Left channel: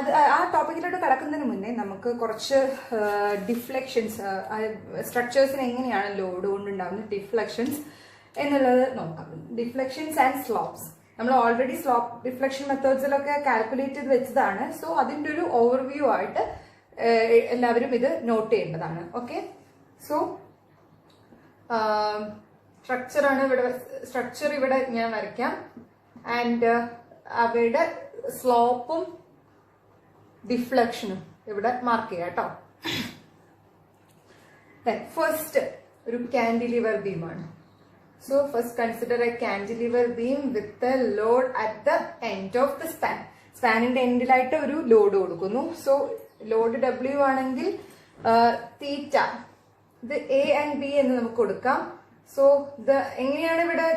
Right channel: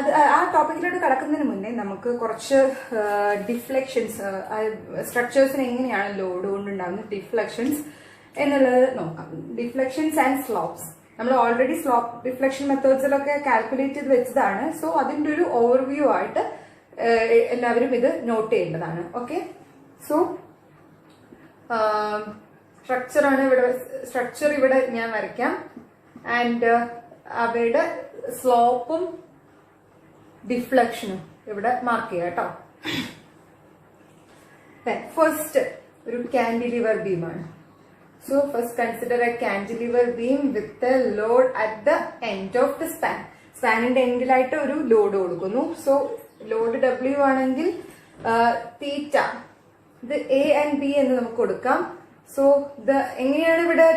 അത് ആ ടോപ്പിക്കിലോട്ട് കടക്കുന്നതിന് മുന്നേ നമുക്ക് കുറച്ച് ഡിഫ്ലക്ഷൻസ്, സ്ട്രക്ചേഴ്സിന് എങ്ങനെയാണ് ലോഡ് കൊണ്ടുണ്ടാകുന്ന ഡിഫ്ലക്ഷൻസ് എന്നുള്ളത് നോക്കാം. ഡിഫ്ലക്ഷൻസ് ആൻഡ് സ്ലോപ്സ് നമ്മൾ ഓൾറെഡി സ്ലോപ്പ് ഡിഫ്ലക്ഷൻ മെത്തേഡ്സിലൊക്കെ കാൽക്കുലേറ്റ് ചെയ്ത് വെച്ചതാണ്. സോ അതിൻ്റെ ഒരു ഓവർവ്യൂ ആയിട്ട് എല്ലാവരും ഇത് നോട്ട് ചെയ്യേണ്ടതാണ്. ഓക്കെ, സോ സ്ട്രക്ചർ ഇവിടെ ഞാൻ വരയ്ക്കാം. ആൻഡ് അവയുടെ സ്ലോപ്പും ഡിഫ്ലക്ഷനും ഇവിടെ മാർക്ക് ചെയ്യാം കേട്ടോ. ഫസ്റ്റ് ഒരു cantilever ബീമാണ്. So first consider a cantilever beam with a load at the end of the span. സ്പാനിന്റെ എൻഡിലായിട്ട് ഒരു ലോഡ് കൊടുക്കുന്നു. സോ ലോഡ് W ആണെങ്കിൽ തീറ്റ, ഇത് A and B എന്ന് നമുക്ക് കൊടുക്കാം. സോ എങ്ങനെയാണ് ഇവിടെ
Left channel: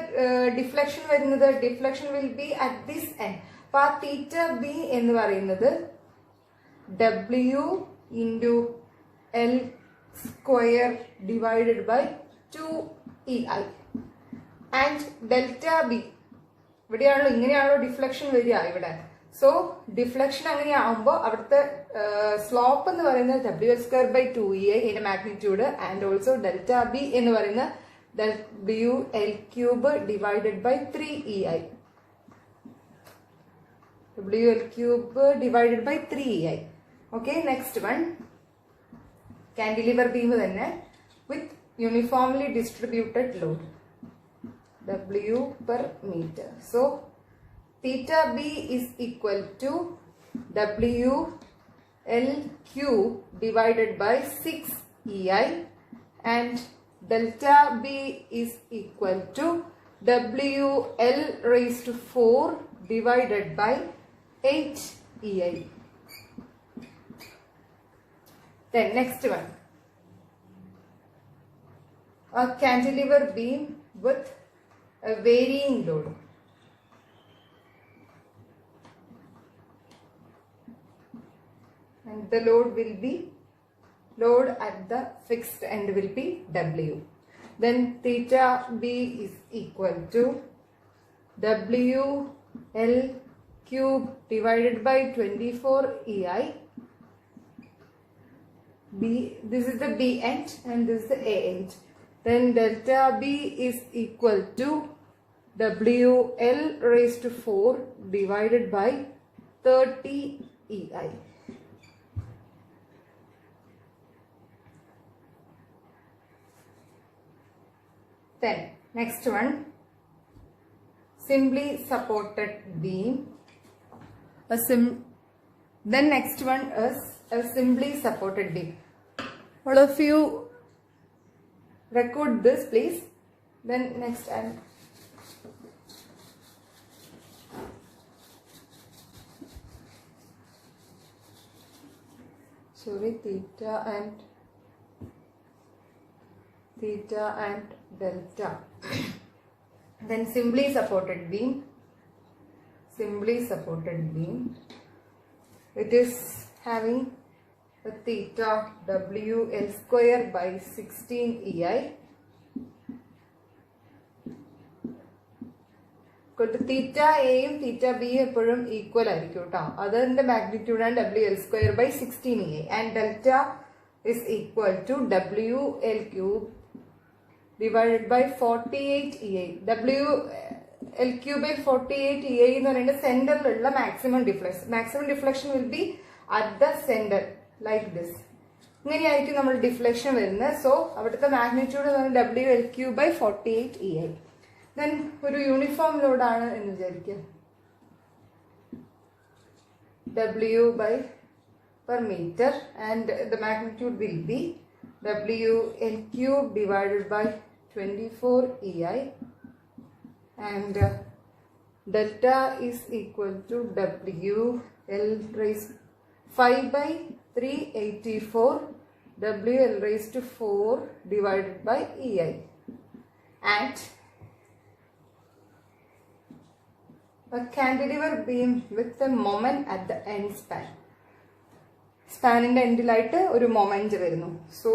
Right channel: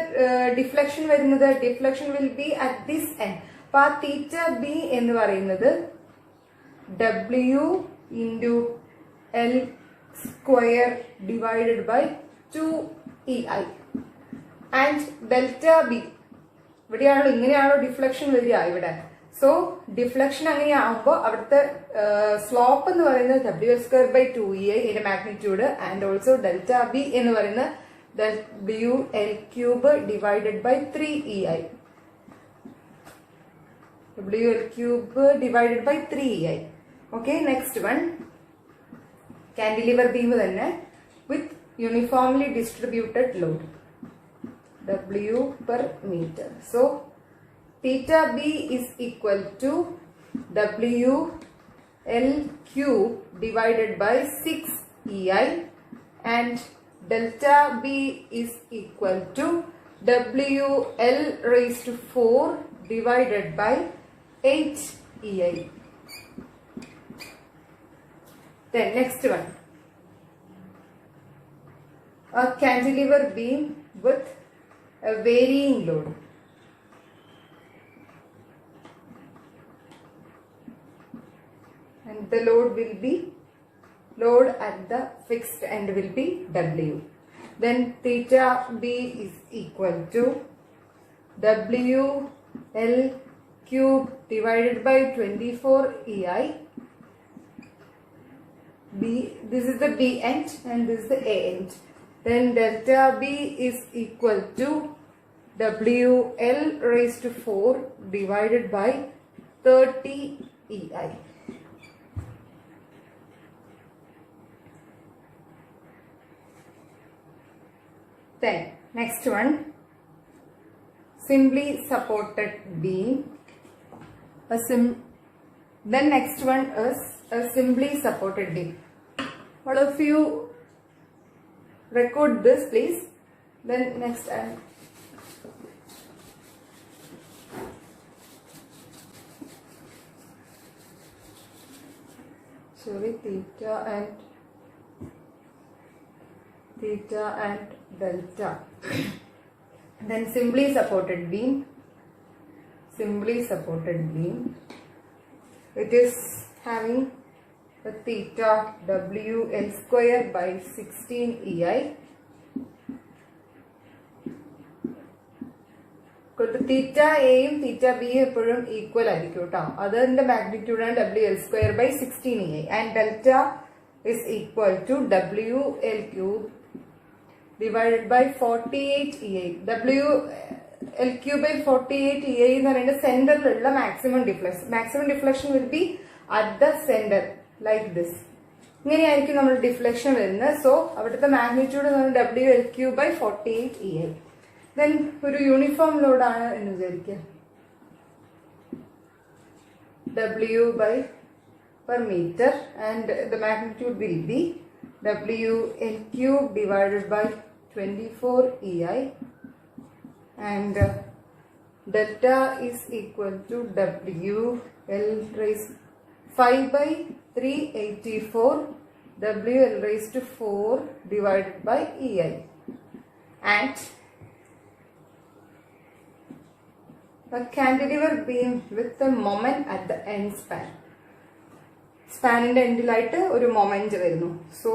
ഡിഫ്ലക്ഷൻ വരുന്നത്? Deflection will be at this end. അപ്പൊ ആ തീറ്റ B എന്ന് പറയുന്നത് W into L square divided by 2EI. And delta B ഇവിടെയാണല്ലോ, ഇങ്ങനെയാണല്ലോ ഡിഫ്ലക്ഷൻ വരിക ഇവിടെ. സോ ഡിഫ്ലക്ഷൻ അങ്ങനെയാകുമ്പോൾ അവിടുത്തെ സ്ലോപ്പ് എന്ന് പറയുന്നത് W²/2EI ഇതിന്റെ magnitude, and also delta B എന്ന് പറയുന്നത് WL³ divided by 3EI. WL³ divided by 3EI. Okay, next one, cantilever beam തന്നെ with uniformly distributed load W per meter. So theta B is equal to WL³ divided by 6EI, and delta B is equal to WL raised to 4 divided by 8EI. Then next one, a cantilever beam with a varying load. And the load at the fixed end will be W. Then theta B is equal to WL³ divided by 24EI. This is the B end and this is the A end. Then delta B is equal to WL raised to 4 divided by 30EI. Then next one, simply supported beam. Then next one is a simply supported beam. All of you record this please. Then next theta and delta. Then simply supported beam. It is having a theta WL² by 16EI. തീറ്റ എയും തീറ്റ ബിയും എപ്പോഴും equal ആയിരിക്കും കേട്ടോ. അതിന്റെ മാഗ്നിറ്റ്യൂഡാണ് WL² by 16EI, and delta is equal to WL³ divided by 48EI. WL³ by 48EI എന്ന് പറയുന്നത് സെന്ററിലുള്ള maximum deflection will be at the centre like this. ഇങ്ങനെയായിരിക്കും നമ്മൾ ഡിഫ്ലക്ഷൻ വരുന്നത്. സോ അവിടുത്തെ മാഗ്നിറ്റ്യൂഡ് എന്ന് പറയുന്നത് WL³ by 48EI. ദെൻ ഒരു യൂണിഫോം ലോഡാണ് എന്ന് വിചാരിക്കുക, W per meter, and the magnitude will be WL³ divided by 24EI, and delta is equal to WL raised 5 by 384 WL raised to 4 divided by EI, and a cantilever beam with a moment at the end span. സ്പാനിന്റെ എൻഡിലായിട്ട് ഒരു moment വരുന്നു. So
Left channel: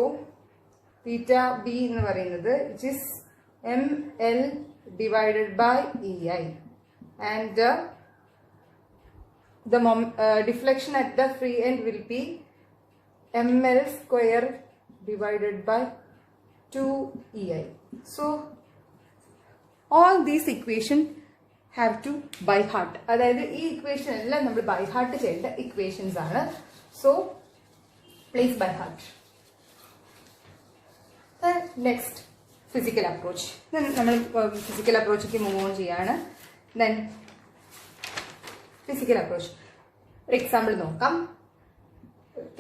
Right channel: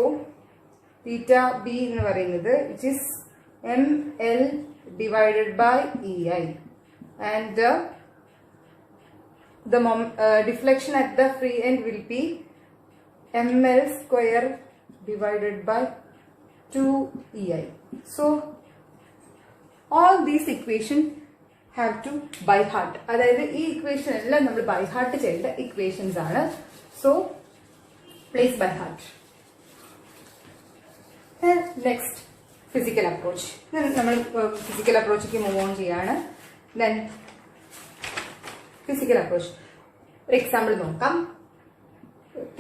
തീറ്റ B എന്ന് പറയുന്നത് which is ML divided by EI, and the deflection at the free end will be ml square divided by 2ei. So all these equation have to by heart. അതായത് ഈ equation എല്ലാം നമ്മൾ by heart ചെയ്യേണ്ട equations ആണ്. So place by heart. Next physical approach. നമ്മൾ physical അപ്രോച്ചിലേക്ക് move on ചെയ്യാണ്. Then physical approach ഒരു എക്സാമ്പിൾ നോക്കാം.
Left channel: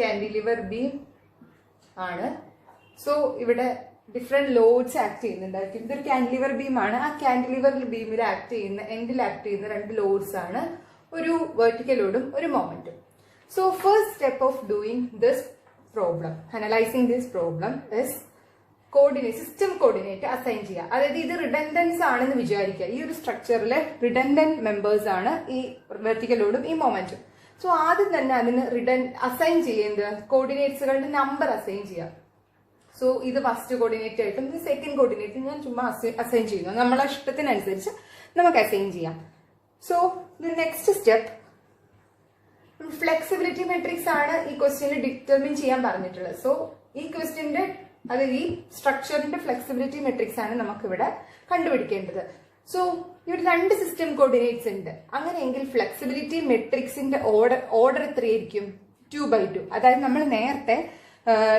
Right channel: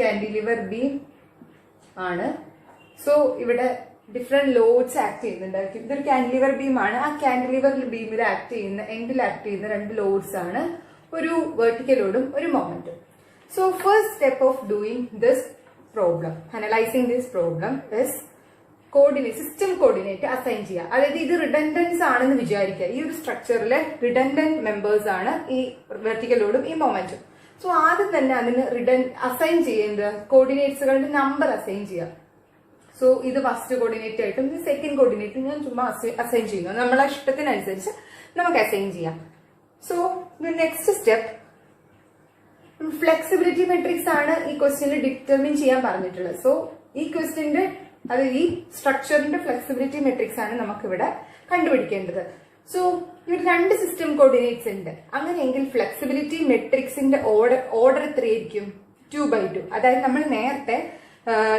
കാൻഡിലിവർ ബീം ആണ്. സോ ഇവിടെ ഡിഫറെന്റ് ലോഡ്സ് ആക്ട് ചെയ്യുന്നുണ്ടായിരിക്കും. ഇതൊരു കാൻഡിലിവർ ബീം ആണ്. ആ കാൻഡിലിവർ ബീമിൽ ആക്ട് ചെയ്യുന്ന എൻഡിൽ ആക്ട് ചെയ്യുന്ന രണ്ട് ലോഡ്സ് ആണ്, ഒരു വെർട്ടിക്കൽ ലോഡും ഒരു മൊമെന്റും. So first step of doing this problem, analysing this problem is coordinate, system coordinate assign ചെയ്യുക. അതായത് ഇത് റിഡൻഡൻസ് ആണെന്ന് വിചാരിക്കുക. ഈ ഒരു സ്ട്രക്ചറിലെ റിഡൻഡന്റ് മെമ്പേഴ്സ് ആണ് ഈ വെർട്ടിക്കൽ ലോഡും ഈ മൊമെന്റും. സോ ആദ്യം തന്നെ അതിന് അസൈൻ ചെയ്യുന്നത് കോർഡിനേറ്റ്സുകളുടെ നമ്പർ അസൈൻ ചെയ്യുക. സോ ഇത് ഫസ്റ്റ് കോർഡിനേറ്റ് ആയിട്ടും ഇത് സെക്കൻഡ് കോർഡിനേറ്റും ഞാൻ ചുമ്മാ അസൈൻ ചെയ്യുന്നു. നമ്മളെ ഇഷ്ടത്തിനനുസരിച്ച് നമുക്ക് അസൈൻ ചെയ്യാം. So next step flexibility matrix ആണ് ഈ ക്വസ്റ്റ്യനിൽ ഡിറ്റർമിൻ ചെയ്യാൻ പറഞ്ഞിട്ടുള്ളത്. സോ ഈ ക്വസ്റ്റ്യന്റെ അത് ഈ സ്ട്രക്ചറിന്റെ ഫ്ലെക്സിബിലിറ്റി മെട്രിക്സ് ആണ് നമുക്കിവിടെ കണ്ടുപിടിക്കേണ്ടത്. സോ ഇവിടെ രണ്ട് സിസ്റ്റം കോർഡിനേറ്റ്സ് ഉണ്ട്. അങ്ങനെയെങ്കിൽ ഫ്ലെക്സിബിലിറ്റി മെട്രിക്സിന്റെ ഓർഡർ എത്രയായിരിക്കും? 2/2. അതായത് നമ്മൾ നേരത്തെ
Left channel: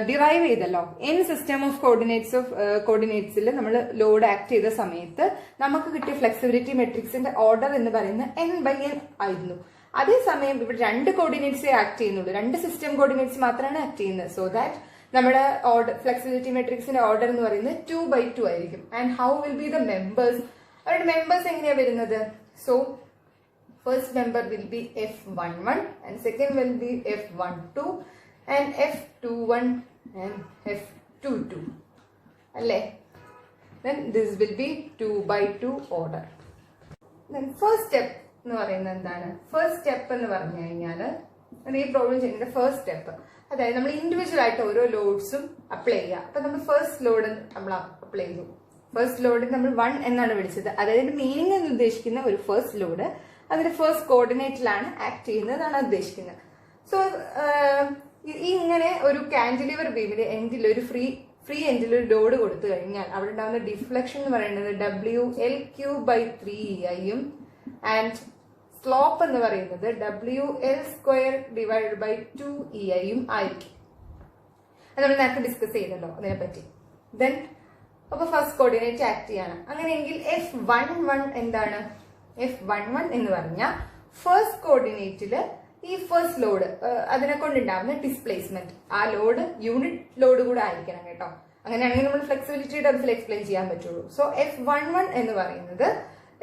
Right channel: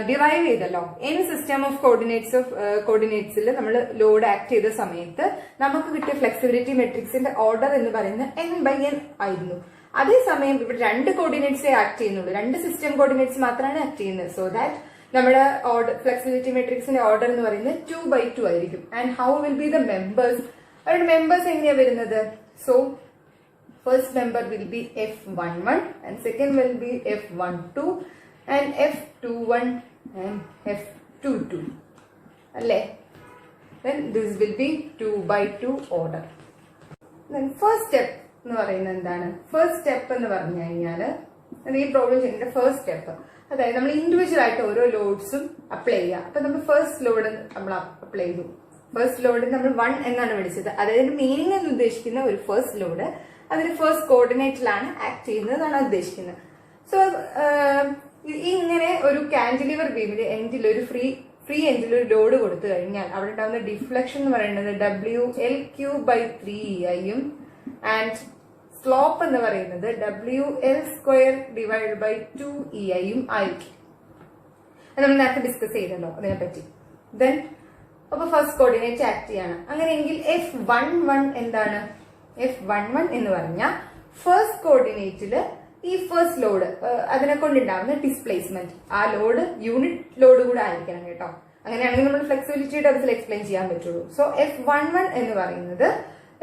ഡിറൈവ് ചെയ്തല്ലോ, എൻ സിസ്റ്റം ഓഫ് കോർഡിനേറ്റ്സിൽ നമ്മൾ ലോഡ് ആക്ട് ചെയ്ത സമയത്ത് നമുക്ക് കിട്ടിയ ഫ്ലെക്സിബിലിറ്റി മെട്രിക്സിന്റെ ഓർഡർ എന്ന് പറയുന്നത് n/n ആയിരുന്നു. അതേസമയം ഇവിടെ രണ്ട് കോർഡിനേറ്റ്സേ ആക്ട് ചെയ്യുന്നുള്ളൂ, രണ്ട് സിസ്റ്റം കോർഡിനേറ്റ്സ് മാത്രമാണ് ആക്ട് ചെയ്യുന്നത്. സോ ദാറ്റ് നമ്മുടെ ഫ്ലെക്സിബിലിറ്റി മെട്രിക്സിന്റെ ഓർഡർ എന്ന് പറയുന്നത് 2/2 ആയിരിക്കും. And how will be the members? അവരുടെ മെമ്പേഴ്സ് എങ്ങനെയാ വരുന്നത്? So first member will be F11 and second will be F12 and F21 and F22. അല്ലേ? Then this will be 2/2 order. Then first step എന്ന് പറയുന്നത് എന്താണ്? ഫസ്റ്റ് സ്റ്റെപ്പ് എന്ന് പറഞ്ഞു കഴിഞ്ഞാൽ ഈ പ്രോബ്ലം ചെയ്യുന്ന ഫസ്റ്റ് സ്റ്റെപ്പ്, അതായത് നമ്മൾ ഇൻഡിവിജ്വൽ ആയിട്ട് ഓരോ ലോഡ്സും അപ്ലൈ ചെയ്യുക. അപ്പൊ നമ്മൾ ഫസ്റ്റ് ലോഡ് നമ്മൾ അപ്ലൈ ചെയ്തു. ഫസ്റ്റ് ലോഡ് നമ്മൾ 1 എന്നാണ് വിളിച്ചത്. അതായത് മീനിങ് എന്ന് ഉദ്ദേശിക്കുന്ന ഒരു ഫസ്റ്റ് ലോഡ് അതിന് ഫസ്റ്റ് കോർഡിനേറ്റിലാണ് ആക്ട് ചെയ്യുന്നത് എന്നാണ് ഉദ്ദേശിക്കുന്നത്. സോ ഇങ്ങനെ ഒരു കാൻഡിലിവർ ബീമിന്റെ എൻഡിൽ ഒരു ഫ്രീ എൻഡിൽ ഒരു ലോഡ് കൊടുത്തു കഴിഞ്ഞാൽ അവിടെ ഉണ്ടാകുന്ന ഡിഫ്ലക്ഷൻ എന്ന് പറയുന്നത് WL3/3ei ആൻഡ് സ്ലോപ്പ് എന്ന് പറയുന്നത് WL² / 2ei ആയിരിക്കും. അത് നമ്മൾ നേരത്തെ ഡിസ്കസ് ചെയ്തല്ലോ അതിനെപ്പറ്റി. ദെൻ അപ്പൊ ഫസ്റ്റ് കോർഡിനേറ്റ് ആക്ട് ചെയ്യാണ്. അങ്ങനെയെങ്കിൽ F11 എന്താണ്? F11 എന്ന് പറഞ്ഞാൽ ഫസ്റ്റ് കോർഡിനേറ്റില് ഈ ഫസ്റ്റ് ലോഡ് അതിനെ കൊണ്ടുണ്ടാകുന്ന ഡിസ്പ്ലേസ്മെന്റ്, ആ ലോഡ് യൂണിറ്റ് ലോഡ് കൂടെ ആയിരിക്കണം കേട്ടോ. അങ്ങനെയാണെങ്കിൽ നമ്മൾ ഫ്ലെക്സിബിലിറ്റി ടേംസിൽ എക്സ്പ്ലെയിൻ ചെയ്യാൻ പറ്റുള്ളൂ. സോ F11 എന്ന് പറയുന്നത്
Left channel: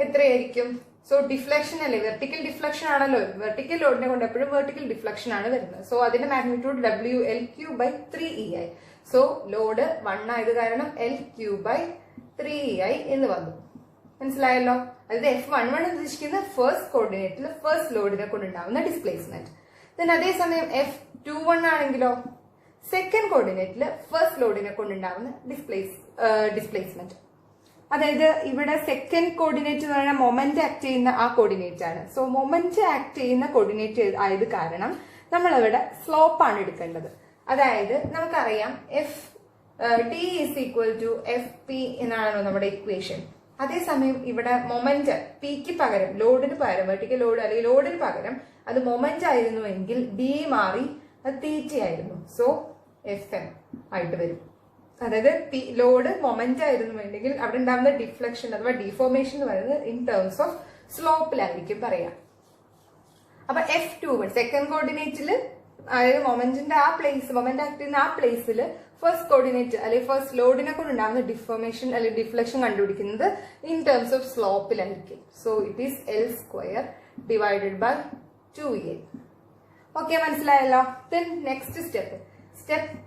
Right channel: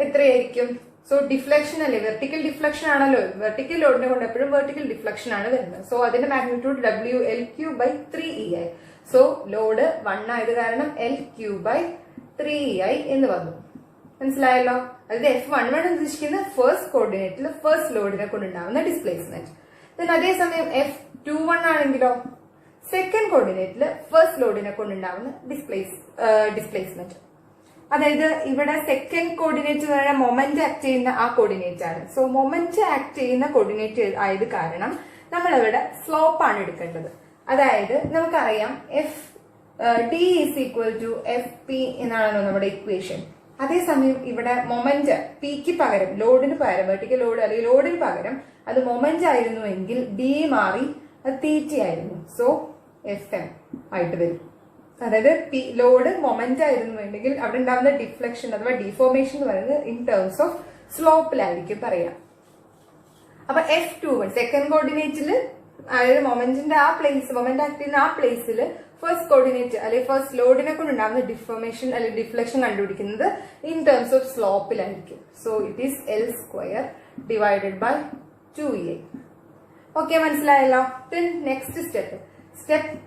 എത്രയായിരിക്കും? സോ ഡിഫ്ലക്ഷൻ അല്ലേ, വെർട്ടിക്കൽ ഡിഫ്ലക്ഷൻ ആണല്ലോ. വെർട്ടിക്കൽ ലോഡിനെ കൊണ്ട് എപ്പോഴും വെർട്ടിക്കൽ ഡിഫ്ലക്ഷൻ ആണ് വരുന്നത്. സോ അതിന്റെ മാഗ്നിറ്റ്യൂഡ് WL3/3ei. സോ ലോഡ് 1 ആയത് കാരണം L3/3ei എന്ന് വന്നു. മനസ്സിലായല്ലോ? അതായത് F11 ഉദ്ദേശിക്കുന്ന ഫസ്റ്റ് കോർഡിനേറ്റിൽ ഫസ്റ്റ് ലോഡിനെ കൊണ്ടുണ്ടാവുന്ന ഡിസ്പ്ലേസ്മെന്റ്. ദെൻ അതേസമയം F21 ആണെങ്കിലോ സെക്കൻഡ് കോർഡിനേറ്റിൽ ഫസ്റ്റ് ലോഡിനെ കൊണ്ടുണ്ടാവുന്ന ഡിസ്പ്ലേസ്മെന്റ്. അതായത് ഇവിടെ സെക്കൻഡ് കോർഡിനേറ്റ് എന്ന് പറഞ്ഞാൽ മൊമെന്റ് ആക്ട് ചെയ്യുന്ന ആ കോർഡിനേറ്റ് ആണ്. സോ മൊമെന്റ് ആക്ട് ചെയ്യുന്ന കോർഡിനേറ്റ് ആയത് കാരണം നമ്മൾ ഇവിടെ സ്ലോപ്പ് ആണ് എടുക്കേണ്ടത്. അതായത് നമുക്കറിയാം D = FP എന്നാണല്ലോ നമ്മുടെ ഇക്വേഷൻ. അതേസമയം ഇവിടെ മൊമെന്റ് പിക്ക് പകരം ലോഡിന് പകരം വെർട്ടിക്കൽ ലോഡ് അല്ലെങ്കിൽ ലോഡിന് പകരം അത് മൊമെന്റ് ആയിരുന്നുവെങ്കിൽ ഡി മാറി അത് തീറ്റ ആയിരുന്നു. സോ FM ആയിട്ട് വരും. അതായത് ലോഡ് മൊമെന്റ് ആയിരുന്നുവെങ്കിൽ അവിടെ ഉണ്ടാകുന്ന ഡിഫ്ലക്ഷൻ അഥവാ ഡിഫോർമേഷൻ എന്ന് പറയുന്നത് ഇൻ ടേംസ് ഓഫ് സ്ലോപ്പിലായിരിക്കും പറയാം. അപ്പൊ F21 സെക്കൻഡ് കോർഡിനേറ്റിൽ അതായത് മൊമെന്റിന്റെ ആ പ്ലേസ്, മൊമെന്റ് ആക്ട് ചെയ്യുന്ന ആ പ്ലേസിൽ ഫസ്റ്റ് കോർഡിനേറ്റ് അല്ലെങ്കിൽ ഫസ്റ്റ് ലോഡിനെ കൊണ്ടുണ്ടാകുന്ന ഡിഫോർമേഷൻ അല്ലെങ്കിൽ ഡിഫ്ലക്ഷൻ കണ്ടുപിടിക്കുന്നത് ഇൻ ടേംസ് ഓഫ് സ്ലോപ്പിലായിരിക്കും. So it is L² / 2ei. Okay, മനസ്സിലായല്ലോ? ദെൻ നെക്സ്റ്റ് സ്റ്റെപ്പ്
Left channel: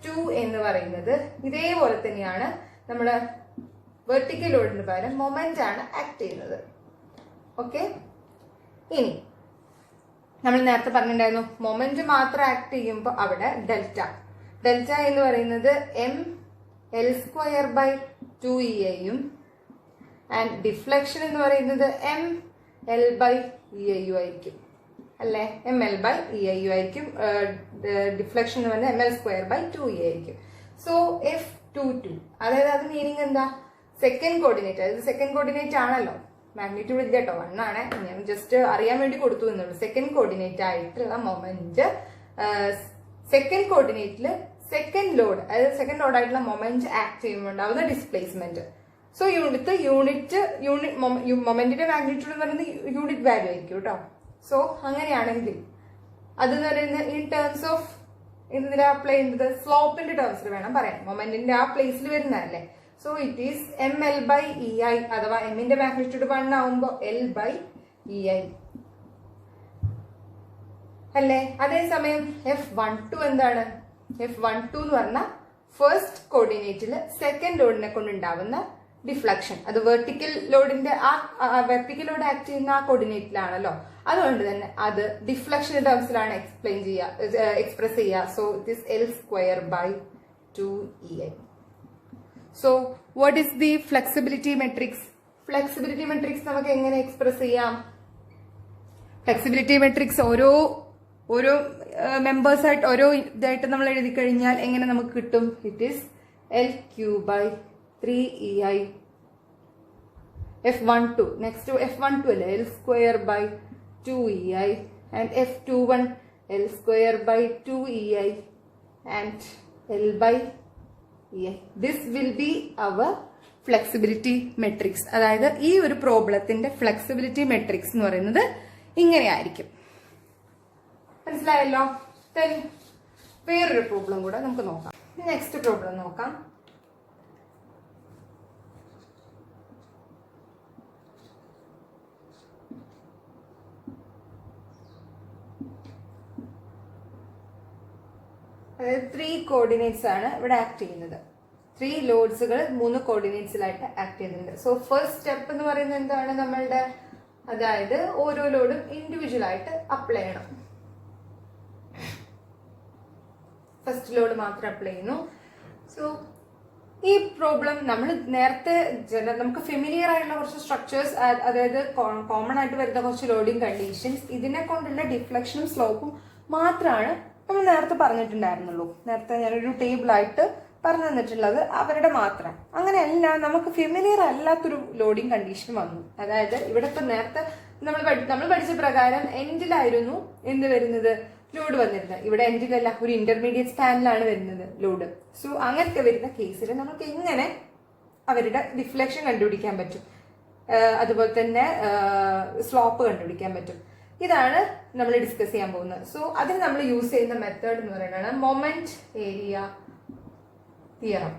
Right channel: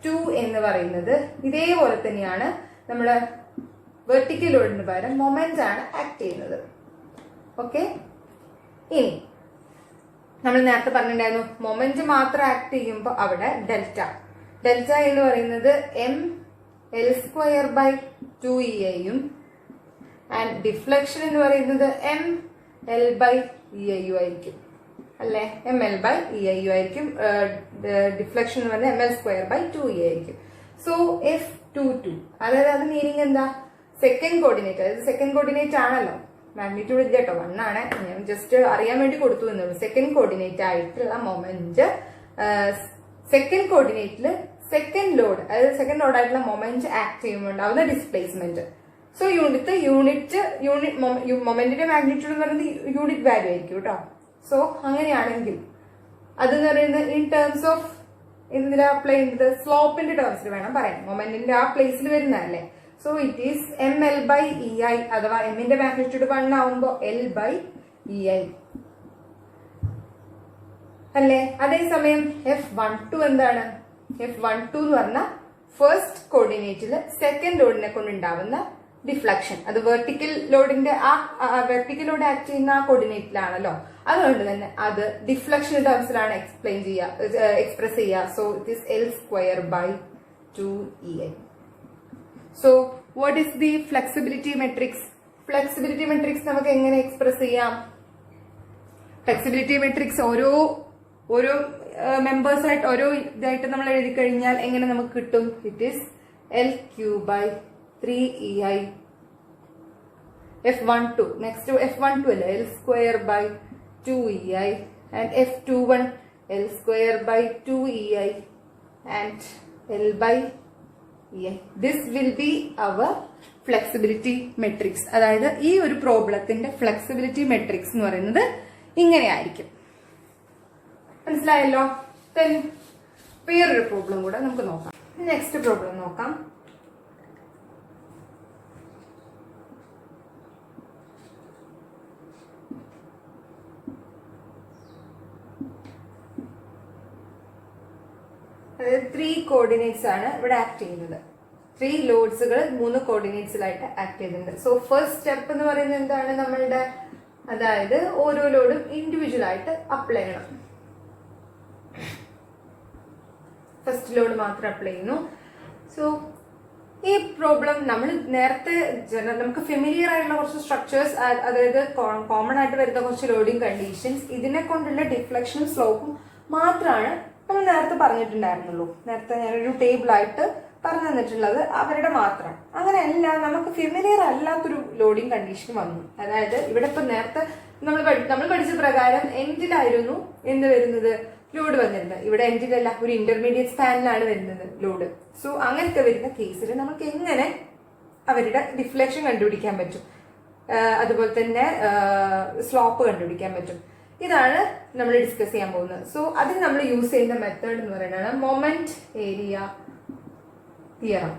2 എന്ന് പറയുന്നത് ഇതേപോലെ തന്നെയാണ്. നമ്മുടെ വെർട്ടിക്കൽ ലോഡിന് പകരം മൊമെന്റ് ആണ് ആക്ട് ചെയ്യുന്നത്. ഓക്കെ, ഇനി നമ്മൾ നേരത്തെ പറഞ്ഞിട്ടുണ്ടായിരുന്നു മൊമെന്റ് മാത്രം ആക്ട് ചെയ്യുമ്പോൾ അവിടെ ഡെൽറ്റ എന്ന് പറയുന്നത് ML² / 2ei ആൻഡ് ഡിഫ്ലക്ഷൻ എന്ന് പറയുന്നത് ML/ei ആയിരിക്കും. അല്ലേ? ml/ei ആയിരിക്കും. ഡിഫ്ലക്ഷൻ എന്ന് പറഞ്ഞാൽ ml²/2e ആയിരിക്കും. സോ F22, അതായത് അത് മീനിങ് എന്താ? സെക്കൻഡ് കോർഡിനേറ്റ്, അതായത് സെക്കൻഡ് കോർഡിനേറ്റ് ആണല്ലോ, മാഗ്നിറ്റ്യൂഡ് ഇല്ല കേട്ടോ, 1 ആണ്, ഞാൻ ജസ്റ്റ് അറിയാൻ വേണ്ടി കൊടുത്തു എന്നുള്ളൂ. സെക്കൻഡ് കോർഡിനേറ്റ് ആയിട്ടുള്ള മൊമെന്റ്, സെക്കൻഡ് കോർഡിനേറ്റില് സെക്കൻഡ് ലോഡ്, അതായത് സെക്കൻഡ് ലോഡ് ആയിട്ടുള്ള മൊമെന്റ് ആക്ട് ചെയ്യുമ്പോൾ ഉണ്ടാവുന്ന ഡിസ്പ്ലേസ്മെന്റ്. സോ മൊമെന്റിന്റെ മാഗ്നിറ്റ്യൂഡ് എന്ന് പറയുന്നത് യൂണിറ്റ് വാല്യൂ ആയിരിക്കും കേട്ടോ. സോ അങ്ങനെയാണെങ്കിൽ അതെന്ന് പറയുന്നത് ഇൻ ടേംസ് ഓഫ് എന്തിനാ അപ്ലൈ ചെയ്യുന്നത്? സ്ലോപ്പിന്റെ ടേംസിൽ വേണം പറയാൻ. മൊമെന്റിന്റെ ആ പ്ലേസിൽ വരുന്നതല്ലേ. സോ ഇറ്റ് ഈസ് ml/ei, അഥവാ എമ്മിന്റെ മാഗ്നിറ്റ്യൂഡ് 1 ആവുമ്പോൾ l/ei അല്ലേ? അതേസമയം F12 എന്താണ്? F12 എന്ന് പറഞ്ഞാൽ ഫസ്റ്റ് കോർഡിനേറ്റില് സെക്കൻഡ് ലോഡിനെ കൊണ്ടുണ്ടാവുന്ന ഡിഫ്ലക്ഷൻ. അത് വെർട്ടിക്കൽ ലോഡിന്റെ വെർട്ടിക്കൽ ലോഡ് ആക്ട് ചെയ്യുന്ന ആ കോർഡിനേറ്റിലാണല്ലോ. അതുകൊണ്ട് തന്നെ അത് ഡിഫ്ലക്ഷൻ ടേംസിലാണ് എക്സ്പ്രസ് ചെയ്യുക. So it is L²/2ei. So what is the flexibility matrix? Flexibility matrix നമുക്ക് എങ്ങനെ എക്സ്പ്രസ് ചെയ്യാം? ഫ്ലെക്സിബിലിറ്റി മെട്രിക്സ് ഓരോ മെമ്പേഴ്സ് ആയിട്ട് ഓരോ ഇതായിട്ട് നമ്മൾ എഴുതി കഴിഞ്ഞാൽ എങ്ങനെ നമുക്ക് കിട്ടും? It is L3/3ei. F12 next F12 അല്ലേ, L²/2ei, and F21 L²/2ei and L/ei. This will be our flexibility matrix. അതായത് ഈ ഒരു പ്രോബ്ലത്തിന്റെ ഫ്ലെക്സിബിലിറ്റി മെട്രിക്സ് എന്ന് പറയുന്നത് ഇങ്ങനെയായിരിക്കും. മനസ്സിലായല്ലോ? വേറൊരു പ്രോബ്ലം കൂടെ നമുക്ക് നോക്കാം. നെക്സ്റ്റ് പ്രോബ്ലം നോക്കാം. അതായത് 3 കോർഡിനേറ്റ്സ് ആണ് ഇവിടെ ആക്ട് ചെയ്യുന്നത്. 3 ലോഡ്സുകൾ 3 കോർഡിനേറ്റ്സിലായിട്ട് ആക്ട് ചെയ്യുന്നുണ്ട്. സോ ഫസ്റ്റ് സ്റ്റെപ്പ് എന്ന് പറയുന്നത് എന്താണ് നമ്മളുടെ? അതായത് ഓരോ ലോഡും ഇൻഡിവിജ്വൽ ആയിട്ട് അപ്ലൈ ചെയ്യണം. ഫസ്റ്റ് ലോഡ് മാത്രം അപ്ലൈ ചെയ്യുന്നു. സോ ഈ പ്രോബ്ലം നമ്മൾ നേരത്തെ നമുക്ക് ഫെമിലിയർ ആയിട്ടുള്ള കുറച്ച് സ്ട്രക്ചേഴ്സ്, അതായത് കോമൺ ആയിട്ട് വരുന്ന കുറച്ച് ലോഡിങ് കണ്ടീഷൻസ്, ഇതിനെ കൊണ്ടുള്ള ഡിഫ്ലക്ഷനും സ്ലോപ്പും മാത്രമാണ് നമ്മൾ നേരത്തെ പറഞ്ഞിട്ടുണ്ടായിരുന്നുള്ളൂ. നേരത്തെ ഞാനൊരു ടേബിളായിട്ട് പറഞ്ഞു തന്നിട്ടുള്ളത് അവരുടെ മാത്രം. അങ്ങനെയല്ല, നമുക്ക് ഫെമിലിയർ അല്ലാത്തൊരു ലോഡിങ് കണ്ടീഷൻ വന്നു. അതായത് ഇവിടെ ഇപ്പൊ നേരത്തെ നമ്മൾ പഠിച്ച പ്രകാരം എൻഡിലായിരുന്നു എന്ത് വരുന്നത്? ലോഡ് വന്നിരുന്നത്. ഇവിടെ എൻഡിലല്ല, ഒരു ഇന്റർമീഡിയറ്റ് സ്പാനിലാണ് വരുന്നത് ലോഡ്. സോ അങ്ങനത്തെ വരുന്ന കേസിൽ നമുക്ക് എങ്ങനെ അവരുടെ ഡിഫ്ലക്ഷൻ കണ്ടുപിടിക്കാൻ പറ്റും, അതുപോലെ തന്നെ സ്ലോപ്പ് കണ്ടുപിടിക്കാൻ പറ്റും. ഇതാണ് നമ്മൾ ഡിസ്കസ് ചെയ്യാൻ പോകുന്നത്. സോ അതിന് നമ്മൾ യൂസ് ചെയ്യുന്ന മെത്തേഡ് എന്ന് പറയുന്നത് മൊമെന്റ് ഏരിയ തിയറം.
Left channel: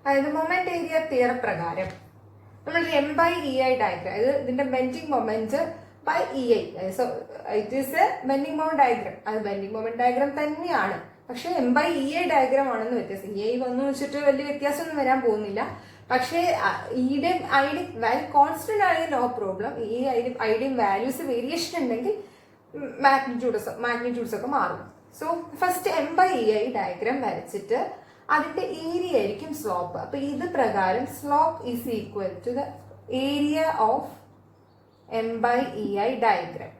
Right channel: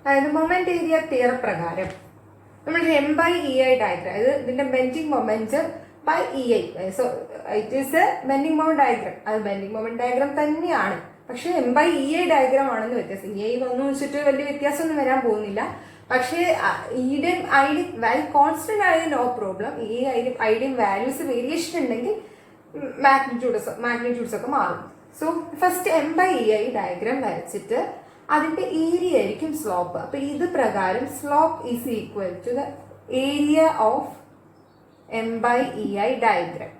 അതായത് മൊമെന്റ് ഏരിയ തിയറം പ്രകാരം നമ്മൾ m/ei ഡയഗ്രം, അതായത് ഇതിന്റെ bending moment by ei. So it is a bending moment diagram. അത് ബെൻഡിങ് മൊമെന്റ് ഡയഗ്രം തന്നെയാണ്, പക്ഷെ m/ei ഡയഗ്രം ആണെന്ന് വ്യത്യാസം. ei വന്നു വെച്ചിട്ട് വലിയ വ്യത്യാസമൊന്നും വരാൻ പോകുന്നില്ല. പക്ഷേ ഈയുടെയും ഐഡിയും വാല്യൂ കോൺസ്റ്റന്റ് ആണെങ്കിൽ നോ പ്രോബ്ലം. ഈ ഐഡിയും വാല്യൂസ് വേരിയേഷൻ ഉണ്ടെങ്കിൽ മാഗ്നിറ്റ്യൂഡ്സ് ഒക്കെ മാറും. സോ ഫസ്റ്റ് m/ei ഡയഗ്രാം വരച്ചിട്ട് അതിന്റെ ഏരിയ ആയിരിക്കും സ്ലോപ്പ്. അപ്പൊ ഇത് പ്രകാരം slope is equal to the area of m/ei diagram.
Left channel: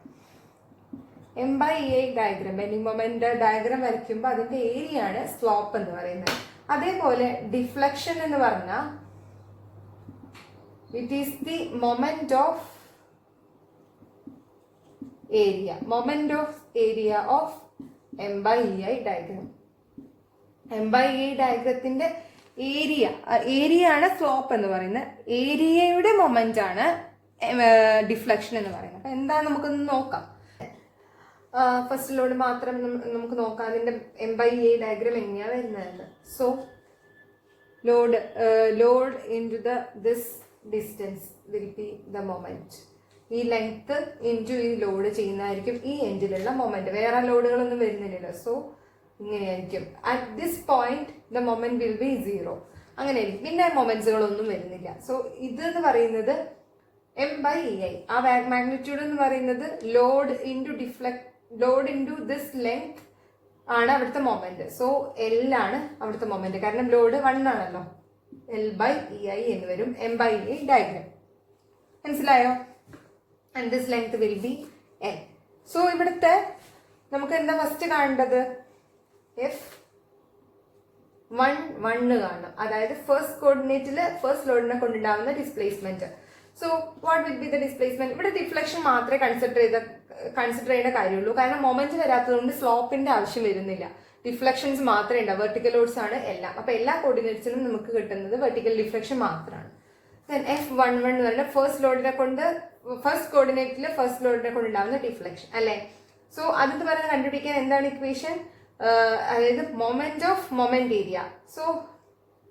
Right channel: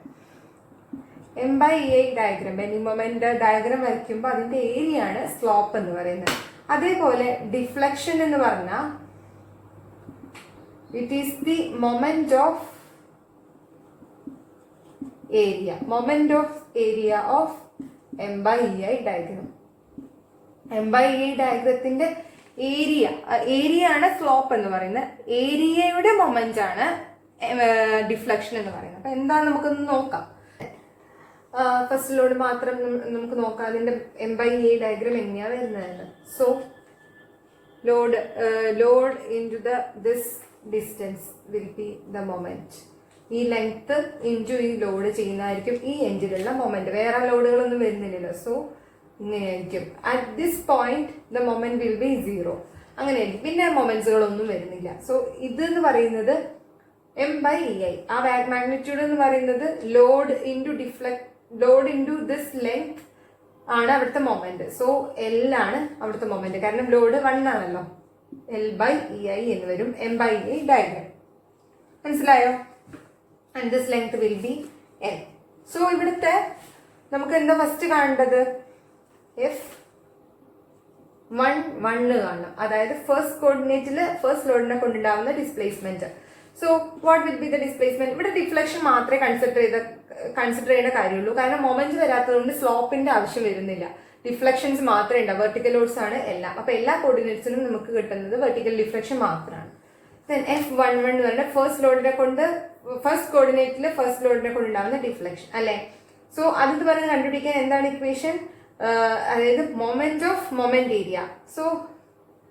m/ei diagram bending moment diagram വരയ്ക്കുമ്പോൾ അതിന്റെ ഏരിയ ആണ് സ്ലോപ്പ് എന്ന് പറയുന്നത്. അതേപോലെ ഡിഫ്ലക്ഷൻ എന്ന് പറഞ്ഞാൽ it is the moment of area of m/ei diagram. m/ei ഡയഗ്രത്തിന്റെ ഏരിയ ആണ് സ്ലോപ്പ് എന്ന് പറയുന്നത്. ഏരിയയുടെ മൊമെന്റ് ആണ് ഡിഫ്ലക്ഷൻ എന്ന് പറയുന്നത്. അപ്പൊ എന്താ നമുക്കൊന്ന് നോക്കാം. ഫസ്റ്റ് ലോഡ് മാത്രം നമുക്ക് നോക്കാം അതിന്റെ m/ei ഡയഗ്രാം എങ്ങനെയാ വരുന്നത്. So load into this distance will be the moment. ഈ ലെങ്ത് ഇൻറ്റു ഈ ലോഡ് ചെയ്യുന്നതായിരിക്കും ഈ എൻഡിലുള്ള മൊമെന്റ്. വേറെ ലോഡുകളൊന്നും വരുന്നില്ലല്ലോ. സോ ഇങ്ങനെയായിരിക്കും. At this point the moment will be 0. അങ്ങനെയായിരിക്കും. പിന്നെ മൊമെന്റ്സുകളൊന്നും വരുന്നില്ല. സോ ഇത് എന്ന് പറയുന്നത് m/ei. ആ മാഗ്നിറ്റ്യൂഡ് എന്ന് പറയുന്നത് ലോഡ് ഇൻറ്റു ദിസ് ലെങ്ത് ആണ് അവിടുത്തെ മൊമെന്റ്. സോ L ആണ് അവിടുത്തെ മൊമെന്റ്. കാരണം ലോഡ് 1 ആണല്ലോ. L/ei എന്ന് വരും m/ei ഡയഗ്രാം. മനസ്സിലായോ? And this length will be L. So ഇവിടുത്തെ നമുക്ക് എന്താ ഫസ്റ്റ് കാണേണ്ടത്? F1 കാണണം. അതായത് ഫസ്റ്റ് കോർഡിനേറ്റില് ഫസ്റ്റ് ലോഡിനെ കൊണ്ടുണ്ടാവുന്ന displacement. So what will be the displacement? ഇവിടെ ഡിഫ്ലക്ഷൻ മാത്രമേ കൺസിഡർ ചെയ്യേണ്ട കാര്യമുള്ളൂ. കാരണം മൊമെന്റ് വരാത്തതുകൊണ്ട് സ്ലോപ്പിന്റെ ആവശ്യം വരുന്നില്ല. ഡിഫ്ലക്ഷൻസ് മാത്രമേ ഉണ്ടാവും. വെർട്ടിക്കൽ ലോഡ്സ് ആണ് എല്ലാം. അപ്പൊ എല്ലാ കോർഡിനേറ്റ്സിനും നമുക്ക് കിട്ടുന്നത് വെർട്ടിക്കൽ ഡിഫ്ലക്ഷൻ മാത്രമാണ്. F11 എന്ന് പറയുന്നത് ഫസ്റ്റ് കോർഡിനേറ്റില് ഫസ്റ്റ് ലോഡിനെ കൊണ്ടുണ്ടാവുന്ന ഡിഫ്ലക്ഷൻ അല്ലെ. സോ അത് പറഞ്ഞ് കണ്ടുപിടിക്കാൻ എന്താണ് ഇക്വേഷൻ? അതായത് മൊമെന്റ് ഏരിയ. സോ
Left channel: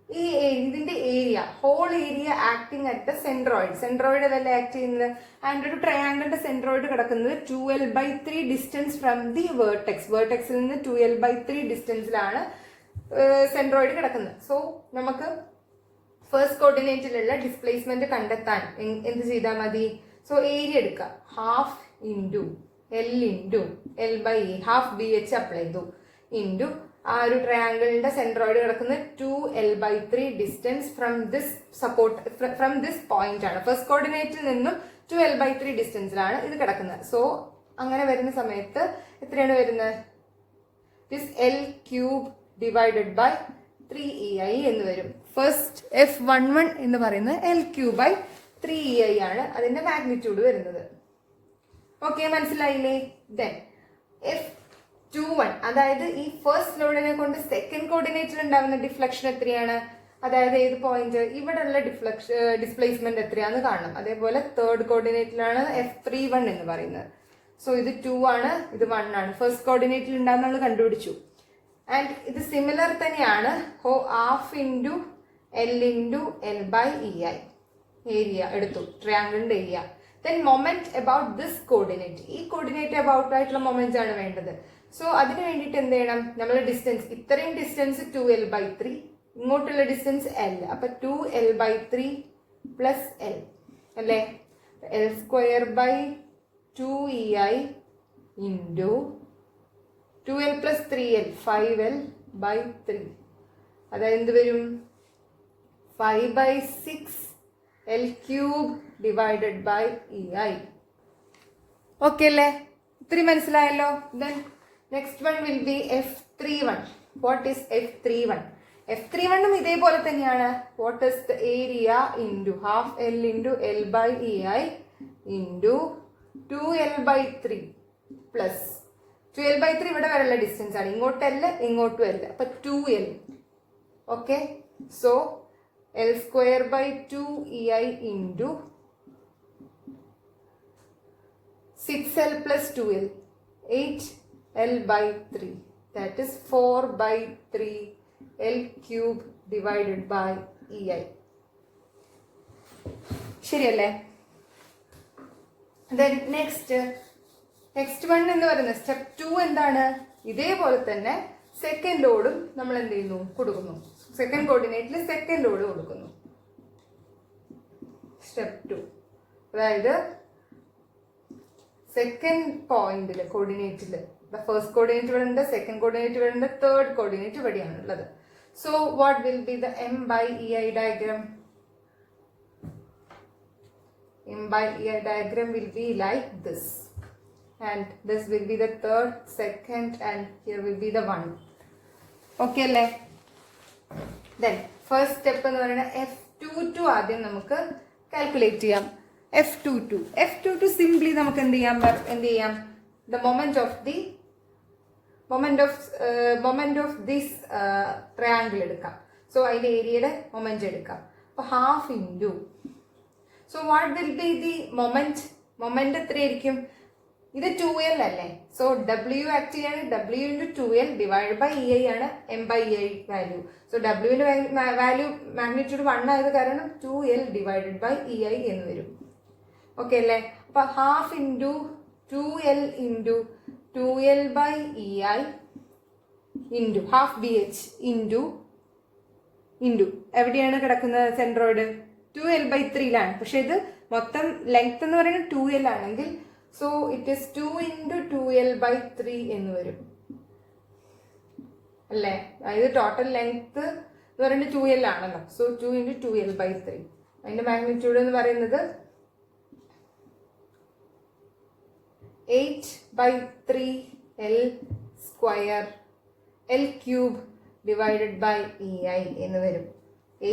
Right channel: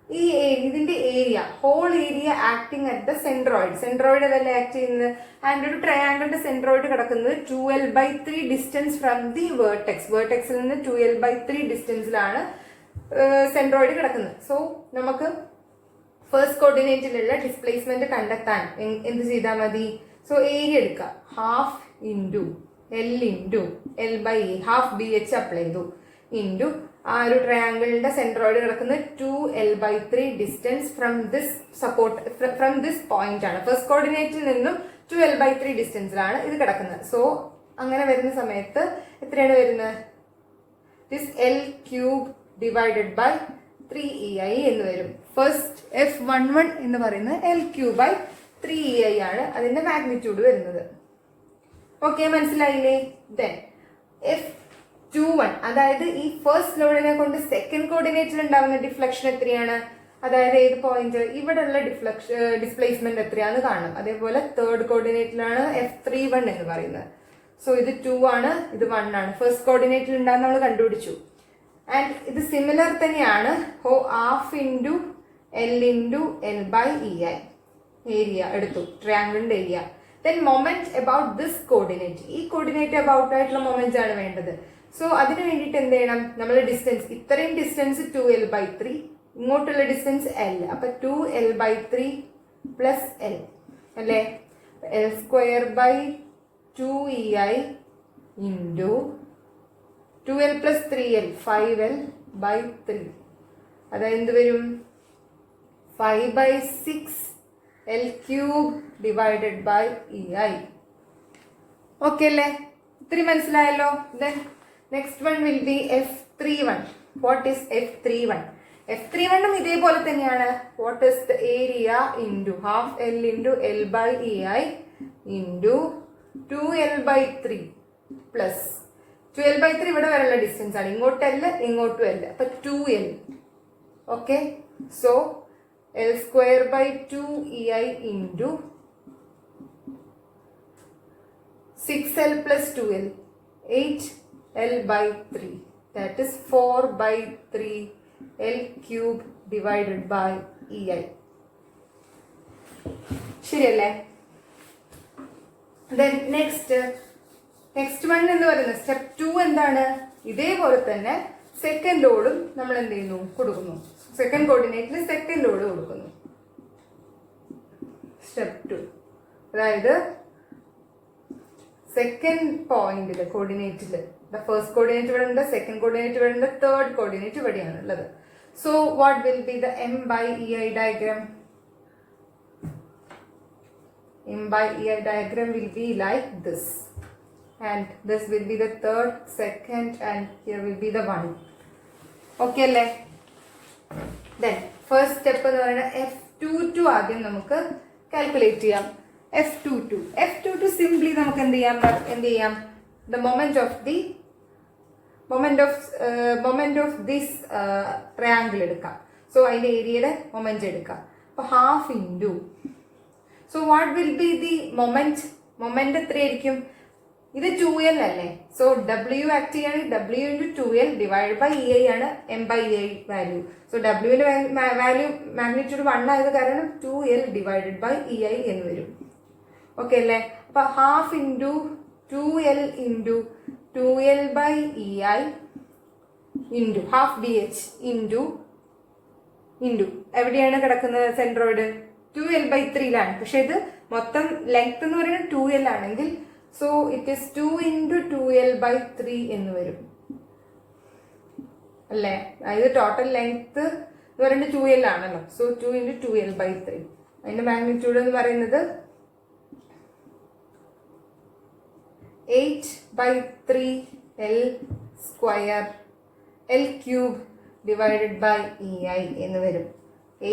ഈ ഇതിന്റെ area, whole area acting at the centroid അതല്ല ആക്ട് ചെയ്യുന്നത്. ആൻഡ് ഒരു ട്രയാങ്കിളിന്റെ സെൻട്രോയിഡ് കിടക്കുന്നത് 2l/3 ഡിസ്റ്റൻസ് ഫ്രം ദി വേർട്ടെക്സിൽ നിന്ന് 2l/3 ഡിസ്റ്റൻസിലാണ് സെൻട്രോയിഡ് കിടക്കുന്നത്. സോ നമുക്ക് ഫസ്റ്റ് കോർഡിനേറ്റിലുള്ള ഡിസ്പ്ലേസ്മെന്റ് കണ്ടെത്താൻ എന്ത് ചെയ്താൽ മതി? സോ ഏരിയ എടുക്കുക, half into L into L/A, half BH apply ചെയ്തു ഇൻറ്റു ആ ഒരു ട്രയാങ്കിളിന്റെ സെൻട്രോയിഡ് കിടക്കുന്നത് 2l/3 distance from this point ആണ്. ഫസ്റ്റ് കോർഡിനേറ്റിൽ നിന്നും 2l/3 ഡിസ്റ്റൻസിലാണ് ഇത് കിടക്കുന്നത്. സോ അങ്ങനെ വരുന്ന സമയത്ത് എത്രയാണ് വരുന്നത്? This L³ divided by 3EI എന്ന് വരും. ഫസ്റ്റ് F11 എന്ന് പറയുന്നത് L³/3EI ആണ് അതിന്റെ മാഗ്നിറ്റ്യൂഡ് വരുന്നത്. ഓക്കെ, മനസ്സിലായില്ലേ? ദെൻ F21, അതായത് ഈ ഫസ്റ്റ് ലോഡിനെ കൊണ്ട് സെക്കൻഡ് കോർഡിനേറ്റിൽ ഉണ്ടാവുന്ന ഡിഫ്ലക്ഷൻ എത്രയാണ്? അതായത് ഏത് പോയിന്റ്? ഇവിടെയുള്ള ഡിസ്പ്ലേസ്മെന്റ് എത്രയാന്ന് കാണണം. അതേപോലെ തേർഡ് കോർഡിനേറ്റിലാണ് F31 എന്ന് പറയുന്നത്. സോ ഇത് 2 ആണ്, ഇത് 1 ആണ്. ഫസ്റ്റ് കോർഡിനേറ്റിൽ ഉണ്ടാകുന്ന നമ്മൾ കണ്ടുപിടിച്ചു. ആൻഡ് ഇത് സിമിലർ തന്നെയാണ്. Half into L into L/EI area എടുത്തു, ട്രയാങ്കിളിന്റെ area. Then moment about this coordinate, ഈ കോർഡിനേറ്റ് അബൌട്ട് ആയിട്ടുള്ള മൊമെന്റ് ആണ് വേണ്ടത്. സോ അതിന് വേണ്ടിയിട്ട് എന്ത് ചെയ്യണം? നമ്മൾ ഡിസ്റ്റൻസ്, ഇത്രയും ഡിസ്റ്റൻസ് 2l/3, ഇങ്ങോട്ടുള്ള ഡിസ്റ്റൻസ് L. അപ്പൊ 2l/3 പ്ലസ് L അല്ലേ? L²/2EI into 2l plus 3l, 5l/3. അതായത് എന്ത് വരും? 5/6 L³ divided by EI. Okay അല്ലേ? ഇത്തിരി മനസ്സിലായല്ലോ? Then next one will be F31. What is F31? F31ഉം ഇതേപോലെ തന്നെയാണ്. What is the area into half L into L/EI into 2l/3 plus 2l/3 ഇവിടെ വരെയുള്ള ഡിസ്റ്റൻസ് ആണ്. ഇങ്ങോട്ടല്ല ഇങ്ങോട്ടും അല്ല. അപ്പൊ 2l. Okay, so L²/2EI into 6l plus 2l, 8l/3. That is 4/3 L³ divided by EI. ശരിയല്ലേ? Then next one എന്ന് പറയുന്നത് step 2 എന്താണ്? ഇതേപോലെ തന്നെ സെക്കൻഡ് ലോഡും നമ്മൾ എന്ത് ചെയ്യുന്നു? കൊടുക്കുന്നു. സെക്കൻഡ് കോർഡിനേറ്റിൽ സെക്കൻഡ് ലോഡ് കൊടുക്കുന്നു. സ്റ്റെപ്പ് 2, അതായത് സെക്കൻഡ് പോയിന്റില് കോർഡിനേറ്റില് ഫസ്റ്റ് കോർഡിനേറ്റ് ഇവിടെ ഉണ്ട്, സെക്കൻഡ് കോർഡിനേറ്റ് ഇവിടെ ഉണ്ട്, തേർഡ് കോർഡിനേറ്റ് ഇവിടെയാണ് ഉള്ളത്. So what will be the M/EI diagram? M/EI diagram will be like this, and this will be the third, second, and here will be the 1. Okay അല്ലേ? Then first step എന്ന് പറയുന്നത് F22 ആദ്യം നമുക്ക് calculate ചെയ്യാം. F22 simply നമുക്ക് എന്ത് ചെയ്യാം? The moment of this triangle എടുക്കാം. സോ അതിന്റെ ഏരിയയുടെ മൊമെന്റ് എടുക്കാം. അപ്പൊ half into, so what will be the moment എത്രയായിരിക്കും? ഇത് 2l അല്ലേ? സോ W ആക്ട് ചെയ്യാണ്. W into 2l divide by EI ആണ് M/EI വാല്യൂ. സോ Wന്റെ വാല്യൂ മാഗ്നിറ്റ്യൂഡ് 1 ആയത് കാരണം 2l ഡിവൈഡഡ് ബൈ EI എന്ന് വരും. ഓക്കെ അല്ലേ? അപ്പൊ half into 2l into 2l/EI into half BH into എവിടെയാണ് കിടക്കുന്നത്? സെൻട്രോയിഡ് 2l/3ലാണ്. പക്ഷെ ഇത് മൊത്തം ലെങ്ത് എന്ന് പറയുന്നത് 2l ആണെങ്കിൽ so it is 2 into 2l/3 എന്ന് വരും അല്ലേ? അതായത് ടോട്ടൽ ലെങ്ത് എന്ന് പറയുന്നത് 2l ആണല്ലോ. So 2 into 2l/3. അതിന്റെ മാഗ്നിറ്റ്യൂഡ് എന്ന് പറയുന്നത് 8/3 L square L cube divided by EI എന്ന് വരും.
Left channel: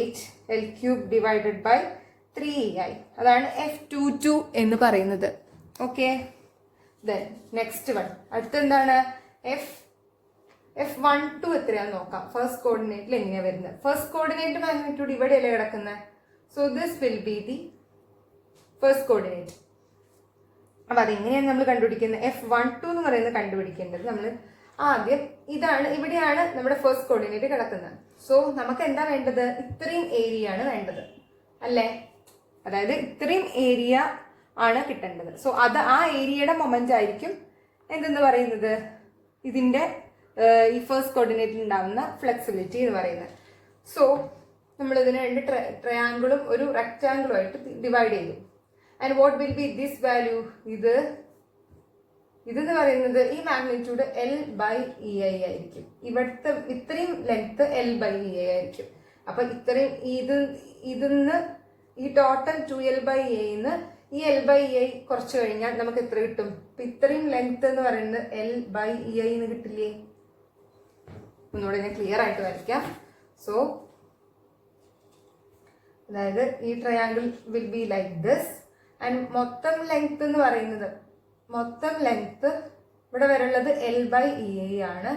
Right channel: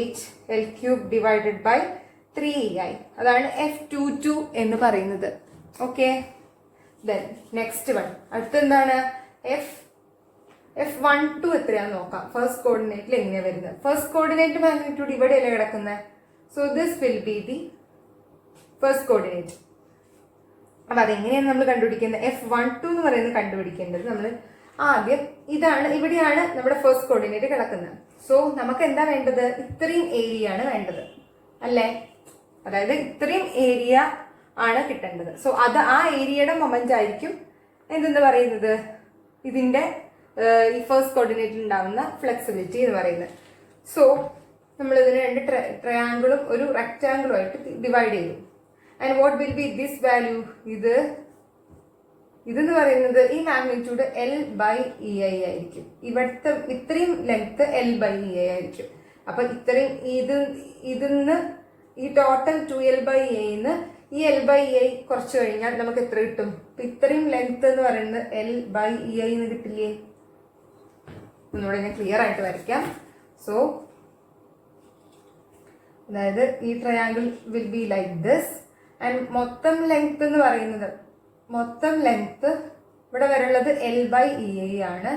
8L cube divided by 3EI. അതാണ് F22 എന്ന് പറയുന്നത്. ഓക്കെ, ദെൻ നെക്സ്റ്റ് വൺ അടുത്തെന്താണ് F12 എത്രയാന്ന് നോക്കാം. ഫസ്റ്റ് കോർഡിനേറ്റിൽ എങ്ങനെയാ വരുന്നത്? ഫസ്റ്റ് കോർഡിനേറ്റ് മാഗ്നിറ്റ്യൂഡ് ഇവിടെയല്ലേ കിടക്കുന്നത്. So this will be the first coordinate. അപ്പൊ അതെങ്ങനെയാണ് നമ്മൾ കണ്ടുപിടിക്കുന്നത്? F12 എന്ന് പറയുന്നത് കണ്ടുപിടിക്കേണ്ടത് നമ്മൾ ആദ്യം ഇതാണ്, ഇവിടെയാണ് നമ്മുടെ ഫസ്റ്റ് കോർഡിനേറ്റ് കിടക്കുന്നത്. സോ നമുക്ക് എന്താ വേണ്ടത്? ഇത്രയും ഏരിയ ആണ് വേണ്ടത് അല്ലേ? അതായത് ഇത്രയും ഏരിയ ആണ് കിട്ടേണ്ടത്. സോ അത് ആ ഏരിയയുടെ മൊമെന്റ് ആയിരിക്കും എന്തെന്ന് പറയുന്നത്, ഇതിന്റെ ഈ ഫസ്റ്റ് കോർഡിനേറ്റിൽ ഉണ്ടാവുന്ന ഫ്ലെക്സിബിലിറ്റി എന്ന് പറയുന്നത്. സോ നമ്മൾ ഇതിന് രണ്ട് ട്രയാങ്കിളും ഒരു റെക്ടാങ്കിളും ആയിട്ട് ഡിവൈഡ് ചെയ്തു. And what will B this value? ഇതെന്ന് പറയുന്നത് ഈ മാഗ്നിറ്റ്യൂഡ് L/EI ആയിരിക്കും. ഇവിടുത്തെ ഇത്രയും ലെങ്ത് L/EI ആയിരിക്കും. അപ്പൊ ഇത്രയും ഇതിന്ന് ഈ ടോട്ടൽ 2L/EI ഈ L/EI കുറച്ച് കഴിഞ്ഞാൽ നമുക്ക് എത്ര കിട്ടും? അപ്പൊ ഇത്രയും ലെങ്ത് എന്ന് പറയുന്നത് L/EI എന്ന് കിട്ടില്ലേ? ഒന്നുകൂടെ ഞാൻ ക്ലിയർ ആയിട്ട് വരയ്ക്കാം. സോ അതായത് ഈ triangle will be like this. And മൊത്തം ലെങ്ത് എന്ന് പറയുന്നത്, മൊത്തം ലെങ്ത് ഇവിടെ വരെയുള്ളത് L/EI ആണ്.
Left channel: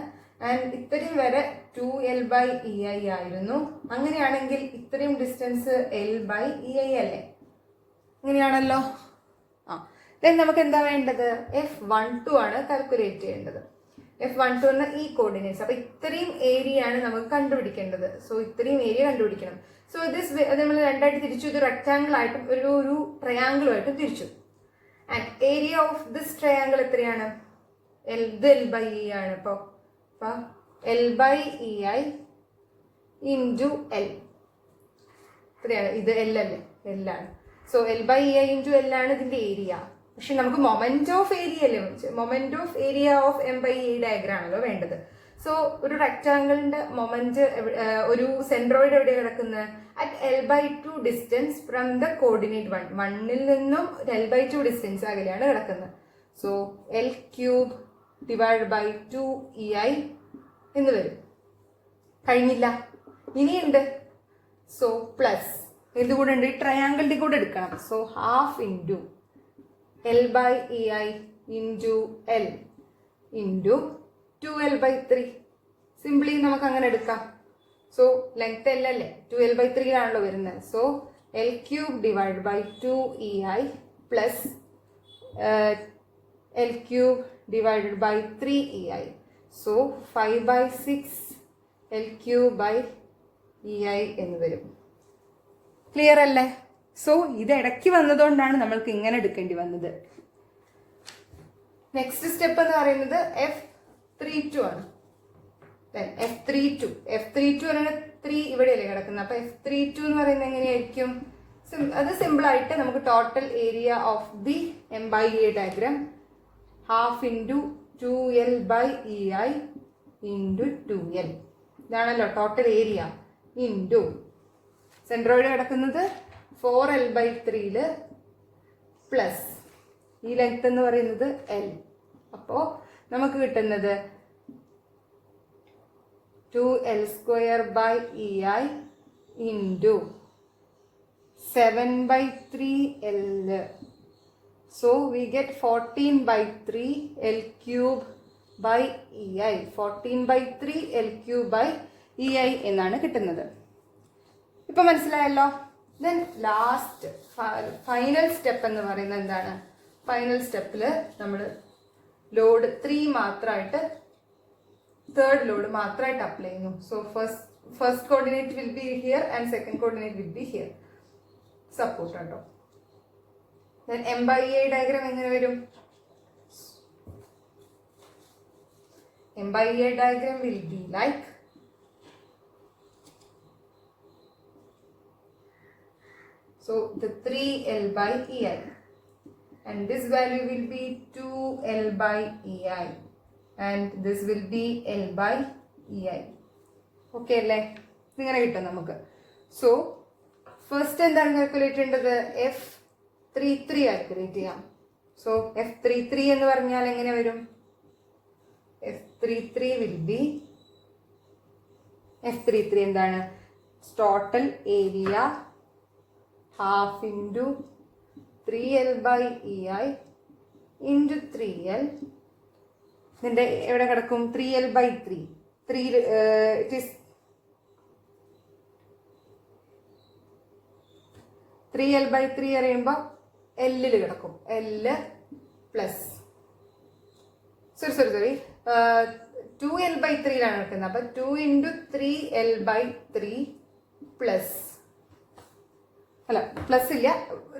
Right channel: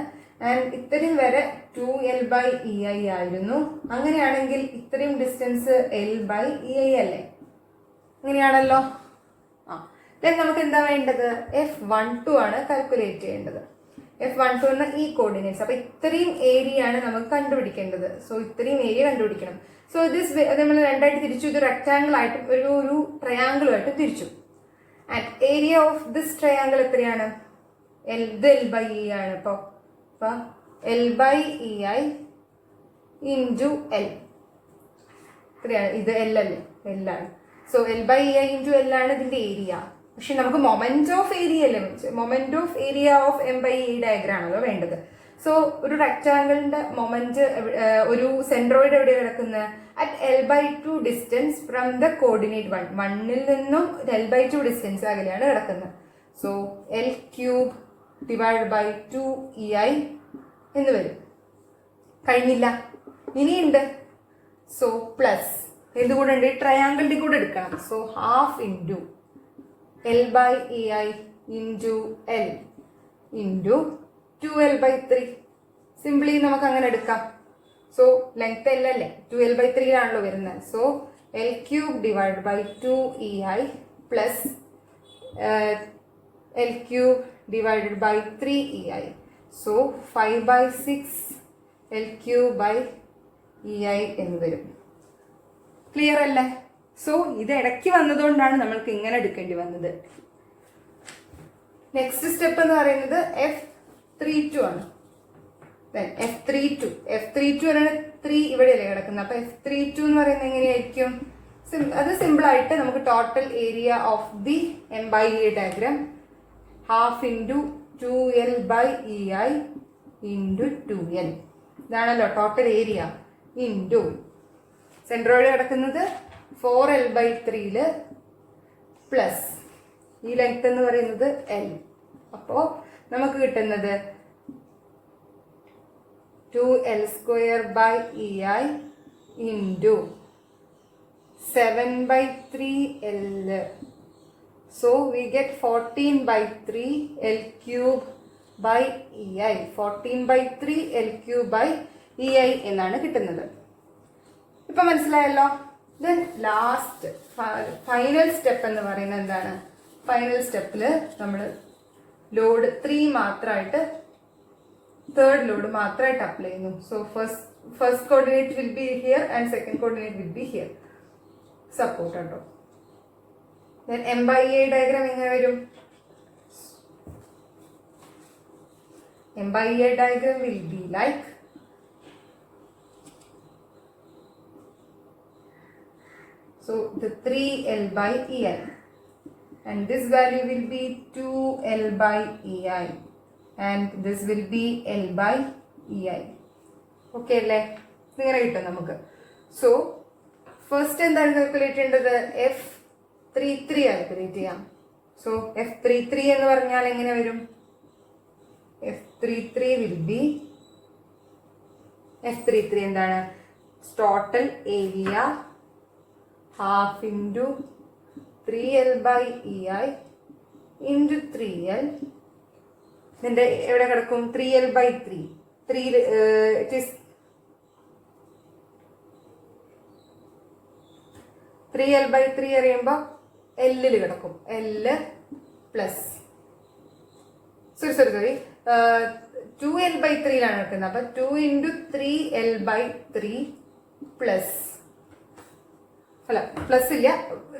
ആൻഡ് ഇത്രയും വരെ 2L/EI ആയിരുന്നു. അങ്ങനെയാണെങ്കിൽ ഇത്രയും ഡിസ്റ്റൻസ് L/EI അല്ലേ? അങ്ങനെയാണല്ലോ. ദെൻ നമുക്ക് എന്താ വേണ്ടത്? F12 ആണ് കാൽക്കുലേറ്റ് ചെയ്യേണ്ടത്. F12 എന്ന ഈ കോർഡിനേറ്റ്സ്. അപ്പൊ ഇത്രയും ഏരിയ ആണ് നമുക്ക് കണ്ടുപിടിക്കേണ്ടത്. സോ ഇത്രയും ഏരിയ കണ്ടുപിടിക്കണം. സോ ദിസ് നമ്മൾ രണ്ടായിട്ട് തിരിച്ചു. ഇത് റെക്ടാങ്കിൾ ആയിട്ടും ഒരു ട്രയാങ്കിളും ആയിട്ട് തിരിച്ചു. And area of this triangle എത്രയാണ്? ഇത് L/EI ആണ്. ഇപ്പൊ L/EI ഇൻറ്റു L എത്രയാണ്? ഇത് L അല്ലേ? L ആണ്. സോ L/EI ഇൻറ്റു L ആണ് ഇതിന്റെ ഏരിയ. പക്ഷെ നമുക്ക് മൊമെന്റ് ഓഫ് ഏരിയ അല്ലേ? Moment of area of M/E diagram ആണല്ലോ വേണ്ടത്. സോ ഒരു റെക്ടാങ്കിളിന്റെ മൊമെന്റ് ഒരു സെൻട്രോയിഡ് എവിടെ കിടക്കുന്നത്? At L/2 distance from the coordinate 1. 1ൽ നിന്നും L/2 ഡിസ്റ്റൻസ് അകലെയാണ് കിടക്കുന്നത്. So L cube divide by 2EI എന്ന് വരും. കഴിഞ്ഞില്ല, ഇനിയുണ്ട്. സോ പ്ലസ് എന്തുകൂടെ ഉണ്ട്? ഈ ട്രയാങ്കിളിന്റെ കൂടെ എടുക്കണം. So half into L/EI into L into 2L/3. Simply നമുക്ക് അങ്ങനെ എടുക്കാം. സോ ലെങ്ത് L അല്ലേ? 2L/3 ആണല്ലോ വരുന്നത്. So L cube divide by 2EI plus L cube divided by 3EI. So 5/6 L cube by EI എന്ന് വരും. ക്ലിയർ അല്ലേ? So ഇത് ഇടയ്ക്ക് വന്നതുകൊണ്ടാണ് നമ്മൾക്ക് ഇങ്ങനെ എടുക്കേണ്ടി വന്നത്. നെക്സ്റ്റ് സ്റ്റെപ്പ് എന്ന് പറയുന്നത് F32 ആണ്. F32 ആണ് 3 ഇവിടെയല്ലേ കിടക്കുന്നത്. അപ്പൊ F32 എന്ന് പറയുന്നത് എങ്ങനെയായിരിക്കും? അത് സിമ്പിൾ ആയിട്ട് നമുക്ക് total area of the M/E diagram half into 2L/EI into 2L. ഇതാണല്ലോ ടോട്ടൽ ഏരിയ ഇൻറ്റു സെൻട്രോയിഡ് കിടക്കുന്നത് 4L/3 പ്ലസ് ഈ ലെങ്ത് എന്ന് പറയുന്നത് L. അപ്പോ നമുക്ക് കിട്ടുന്നത് 2L² into 7/3L. So we get 14/3 L cube by EI. 14/3 L cube by EI എന്നാണ് കിട്ടുന്നത്. ഇപ്പൊ മനസ്സിലായല്ലോ. ദെൻ ലാസ്റ്റ് ഫൈനൽ സ്റ്റെപ്പ് എന്ന് പറയുന്നത് എന്താണ്? ഫൈനൽ സ്റ്റെപ്പില് നമ്മൾ ലോഡ് 3 മാത്രമായിട്ട്, തേർഡ് ലോഡ് മാത്രമായിട്ട് അപ്ലൈ ചെയ്യുന്നു. So first coordinate will be here and second coordinate will be here. Support കേട്ടോ. ദെൻ M/E ഡയഗ്രാം എങ്ങനെ വരും? M/E diagram will be like so the 3L/EI and this value will be 2L/EI and this will be L/EI. Okay അല്ലേ? ഇങ്ങനെ കിട്ടും നമുക്ക്. So first എന്താണ് calculate ചെയ്യേണ്ടത്? F33 calculate ചെയ്യാം. സോ F33 എന്ന് പറഞ്ഞാൽ എങ്ങനെ വരും? F33 will be F33 എന്താണ്? Total area half into 3L/EI into 3L. ഇതിന്റെ എവിടെ കിടക്കും? 3L/3. 3L/3 അറിയുമ്പോൾ എല്ലിൽ കിടക്കും. L പ്ലസ് സോറി 2L/3 കിടക്കുന്നത്. അപ്പൊ 2 ഇൻറ്റു 3L/3 പ്ലസ് അല്ല പ്ലസ് ഇല്ല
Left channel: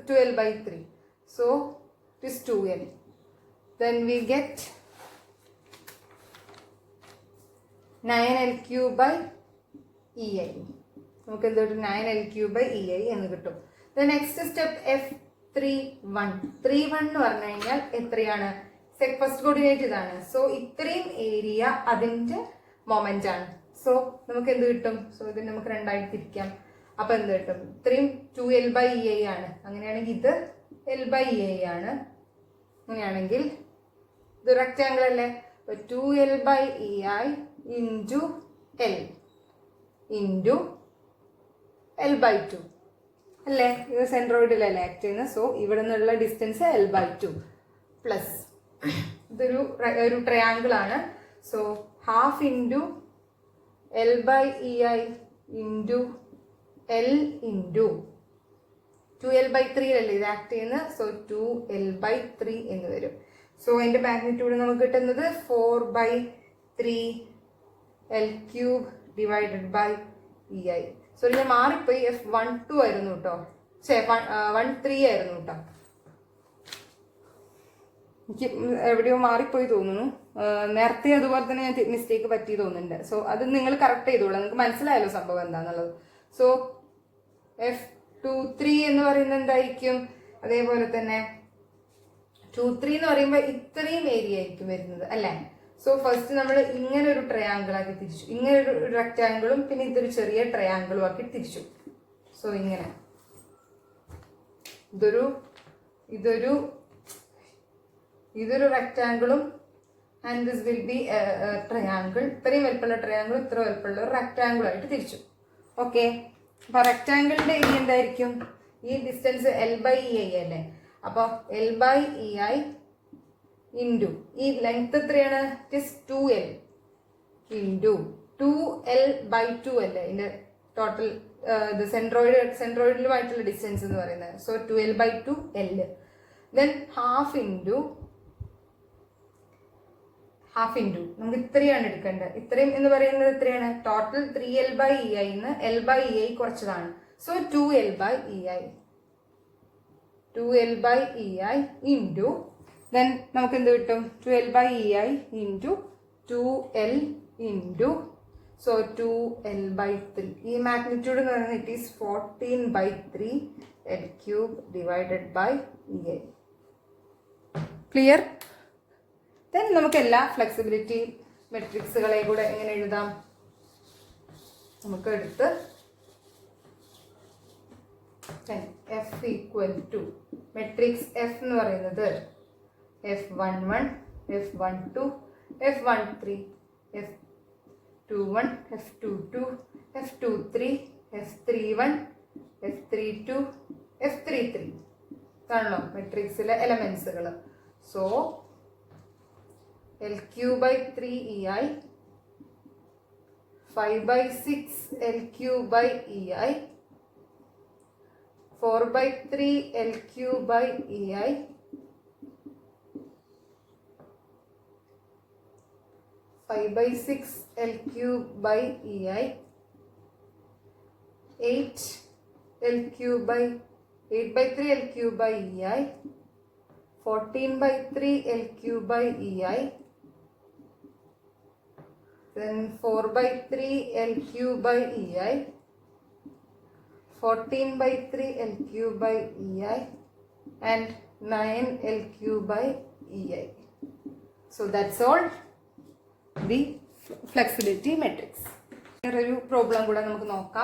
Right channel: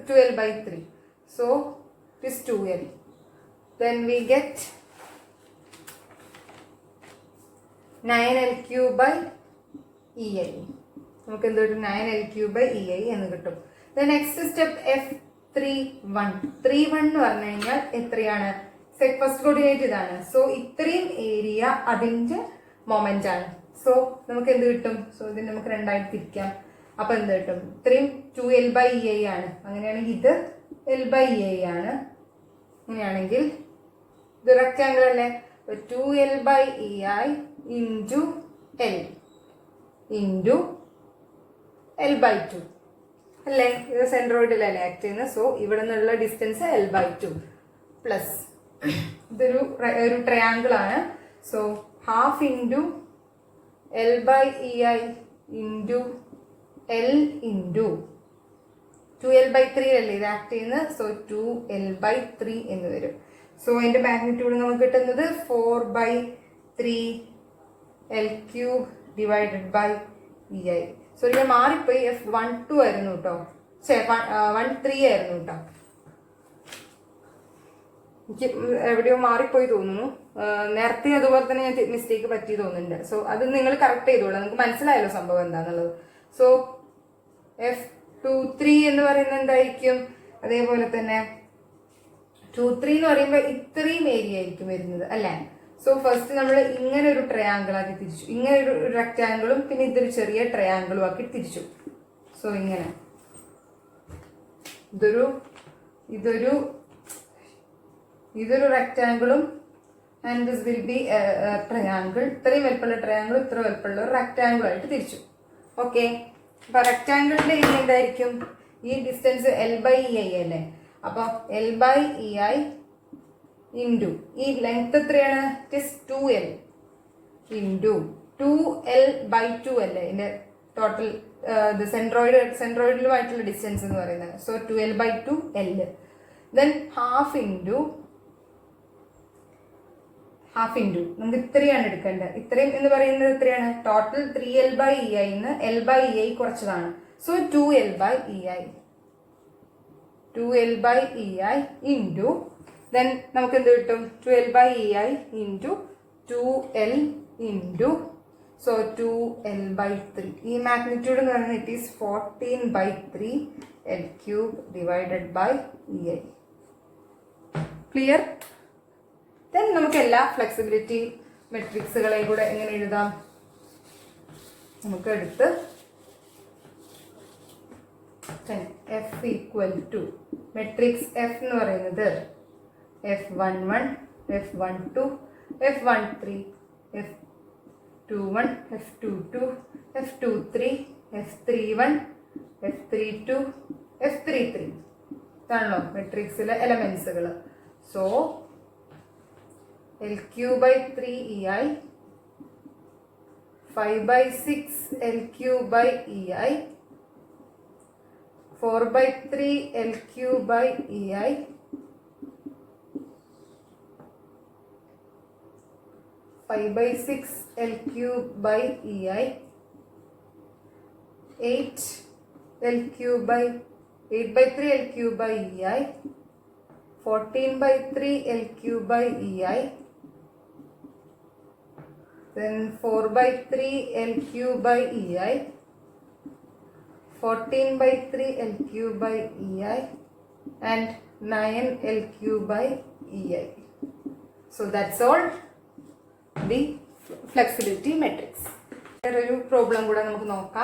2L/3. So it is 2L. Then we get 9L3/EI. നമുക്ക് എന്ത് കിട്ടും? 9L3/EI എന്ന് കിട്ടും. The next step F31. 31 എന്ന് പറഞ്ഞു കഴിഞ്ഞാൽ എത്രയാണ്? ഫസ്റ്റ് കോർഡിനേറ്റ് ഇതാണ്. സോ ഇത്രയും ഏരിയ അതിന്റെ മൊമെന്റ് ആണ്. സോ നമുക്ക് എന്ത് കിട്ടും? സോ ഇത് നമുക്ക് രണ്ടായിട്ട് തിരിക്കാം. അപ്പൊ എന്ത് കിട്ടും? ഇത്രയും 2L/EI ആണ്. അങ്ങനെയാണെങ്കിൽ ഇത് L/EI ആണ്. അങ്ങനെയാണെങ്കിൽ ഇത് റെക്ടാങ്കിൾ അല്ലേ? 2L/EI into L into L/2 അല്ലേ? ഇത് സെൻട്രോയിഡിലല്ലേ ആക്ട് ചെയ്യുന്നത്. സോ ഇവിടെ നിന്നുള്ള ഡിസ്റ്റൻസ് L/2 പ്ലസ് ഇതൊരു ട്രയാങ്കിൾ ആണ്. So half into L/EI into L into 2L/3 അല്ലേ ഇത് ആക്ട് ചെയ്യുന്നത്. സോ 2L/3 എന്ന് വരും. സോ അതിന്റെ മാഗ്നിറ്റ്യൂഡ് നമുക്ക് കിട്ടുന്നത് 4/3L³ divided by EI. So ഞാൻ മാറിപ്പോയി. F12 ആയിരുന്നു കേട്ടോ. 13 ആയിരുന്നു കേട്ടോ. എനിക്ക് എവിടെയോ മാറിപ്പോയി തോന്നുന്നു. നേരത്തെ അതുപോലെ തന്നെ ഞാൻ മിസ്റ്റേക്ക് പറ്റി തോന്നുന്നുണ്ട്. സോ അത് നിങ്ങൾ കറക്റ്റ് ചെയ്തോളാം. നിങ്ങൾക്ക് മനസ്സിലായല്ലോ സംഭവം എന്താണെന്നുള്ളത്. സോ F23 എന്ന് പറയുന്നത് എന്തായിരിക്കും? അതേപോലെ തന്നെ 23 എന്ന് പറയുമ്പോൾ ഇത്രയും ഏരിയ ആയിരിക്കും വരുന്നത് അല്ലേ? സോ ഫസ്റ്റ് നമ്മൾ ഇങ്ങനെ ഒരു ട്രയാങ്കിൾ ആക്കി തിരിച്ചു. ഇങ്ങനെ ഒരു റെക്ടാങ്കിളും പിന്നെ ഇതൊരു ചെറിയ ട്രയാങ്കിളും ആക്കി തിരിച്ചു. സോ ഇങ്ങനെ ഇതൊരു റെക്ടാങ്കിളും and this will be triangle. ഇത്രയും വലുപ്പമുള്ള ട്രയാങ്കിൾ ഇത്ര വലുപ്പമുള്ള ഒരു റെക്ടാങ്കിൾ ആയിട്ട് തിരിച്ചു. ഓക്കെ. അപ്പൊ റെക്ടാങ്കിളിന്റെ ഏരിയ എന്തായിരിക്കും? ഈ ഡിസ്റ്റൻസ് L/EI അല്ലേ? അപ്പൊ L/EI ഇൻറ്റു ഈ ലെങ്ത് എത്രയാണ്? It is 2L into 2L/2 അല്ലേ ഇതിന്റെ ടോട്ടൽ സെൻട്രോയിഡിലുമായിട്ടുള്ള ഡിസ്റ്റൻസ് എന്ന് പറയുന്നത്. So 2L/2 L. Then half into നമുക്ക് ഇത്രയാണ് എടുക്കേണ്ടത്. ഇത്രയും എന്ന് പറയുന്നത് എത്രയാണ്? ടോട്ടൽ 3L/EI ന്ന് L/EI കുറച്ചതാണ്. So 2L/EI into then നമുക്ക് എന്ത് കിട്ടും? 12/EI into 2L into so 2L/3. ഈ മാഗ്നിറ്റ്യൂഡ് എന്ന് പറയുന്നത് it is 14/3L³ divided by EI. Clear? Then നമുക്ക് എല്ലാ ഫ്ലെക്സിബിലിറ്റി മെട്രിക്സുകളെ കൂടെ എങ്ങനെ എഴുതാം? നമുക്ക് എടുത്ത് F equal to matrix F എന്ന് പറയുന്നത് F11, F12, F13, F21, F22, F23, F31, F32, F33 ഇതാണല്ലോ മെട്രിക്സിലെ എലമെന്റ്സുകൾ. So L³/3EI 5/6 L³/EI 4/3 L³/EI 5/6 L³/EI 8/3 L³/EI 14/3 L³/EI then 4/3 L³/EI 14/3 L³/EI and 9 L³/EI. So that's all the flexibility matrix. ഒരു problem കൂടെ നമുക്ക് നോക്കാം.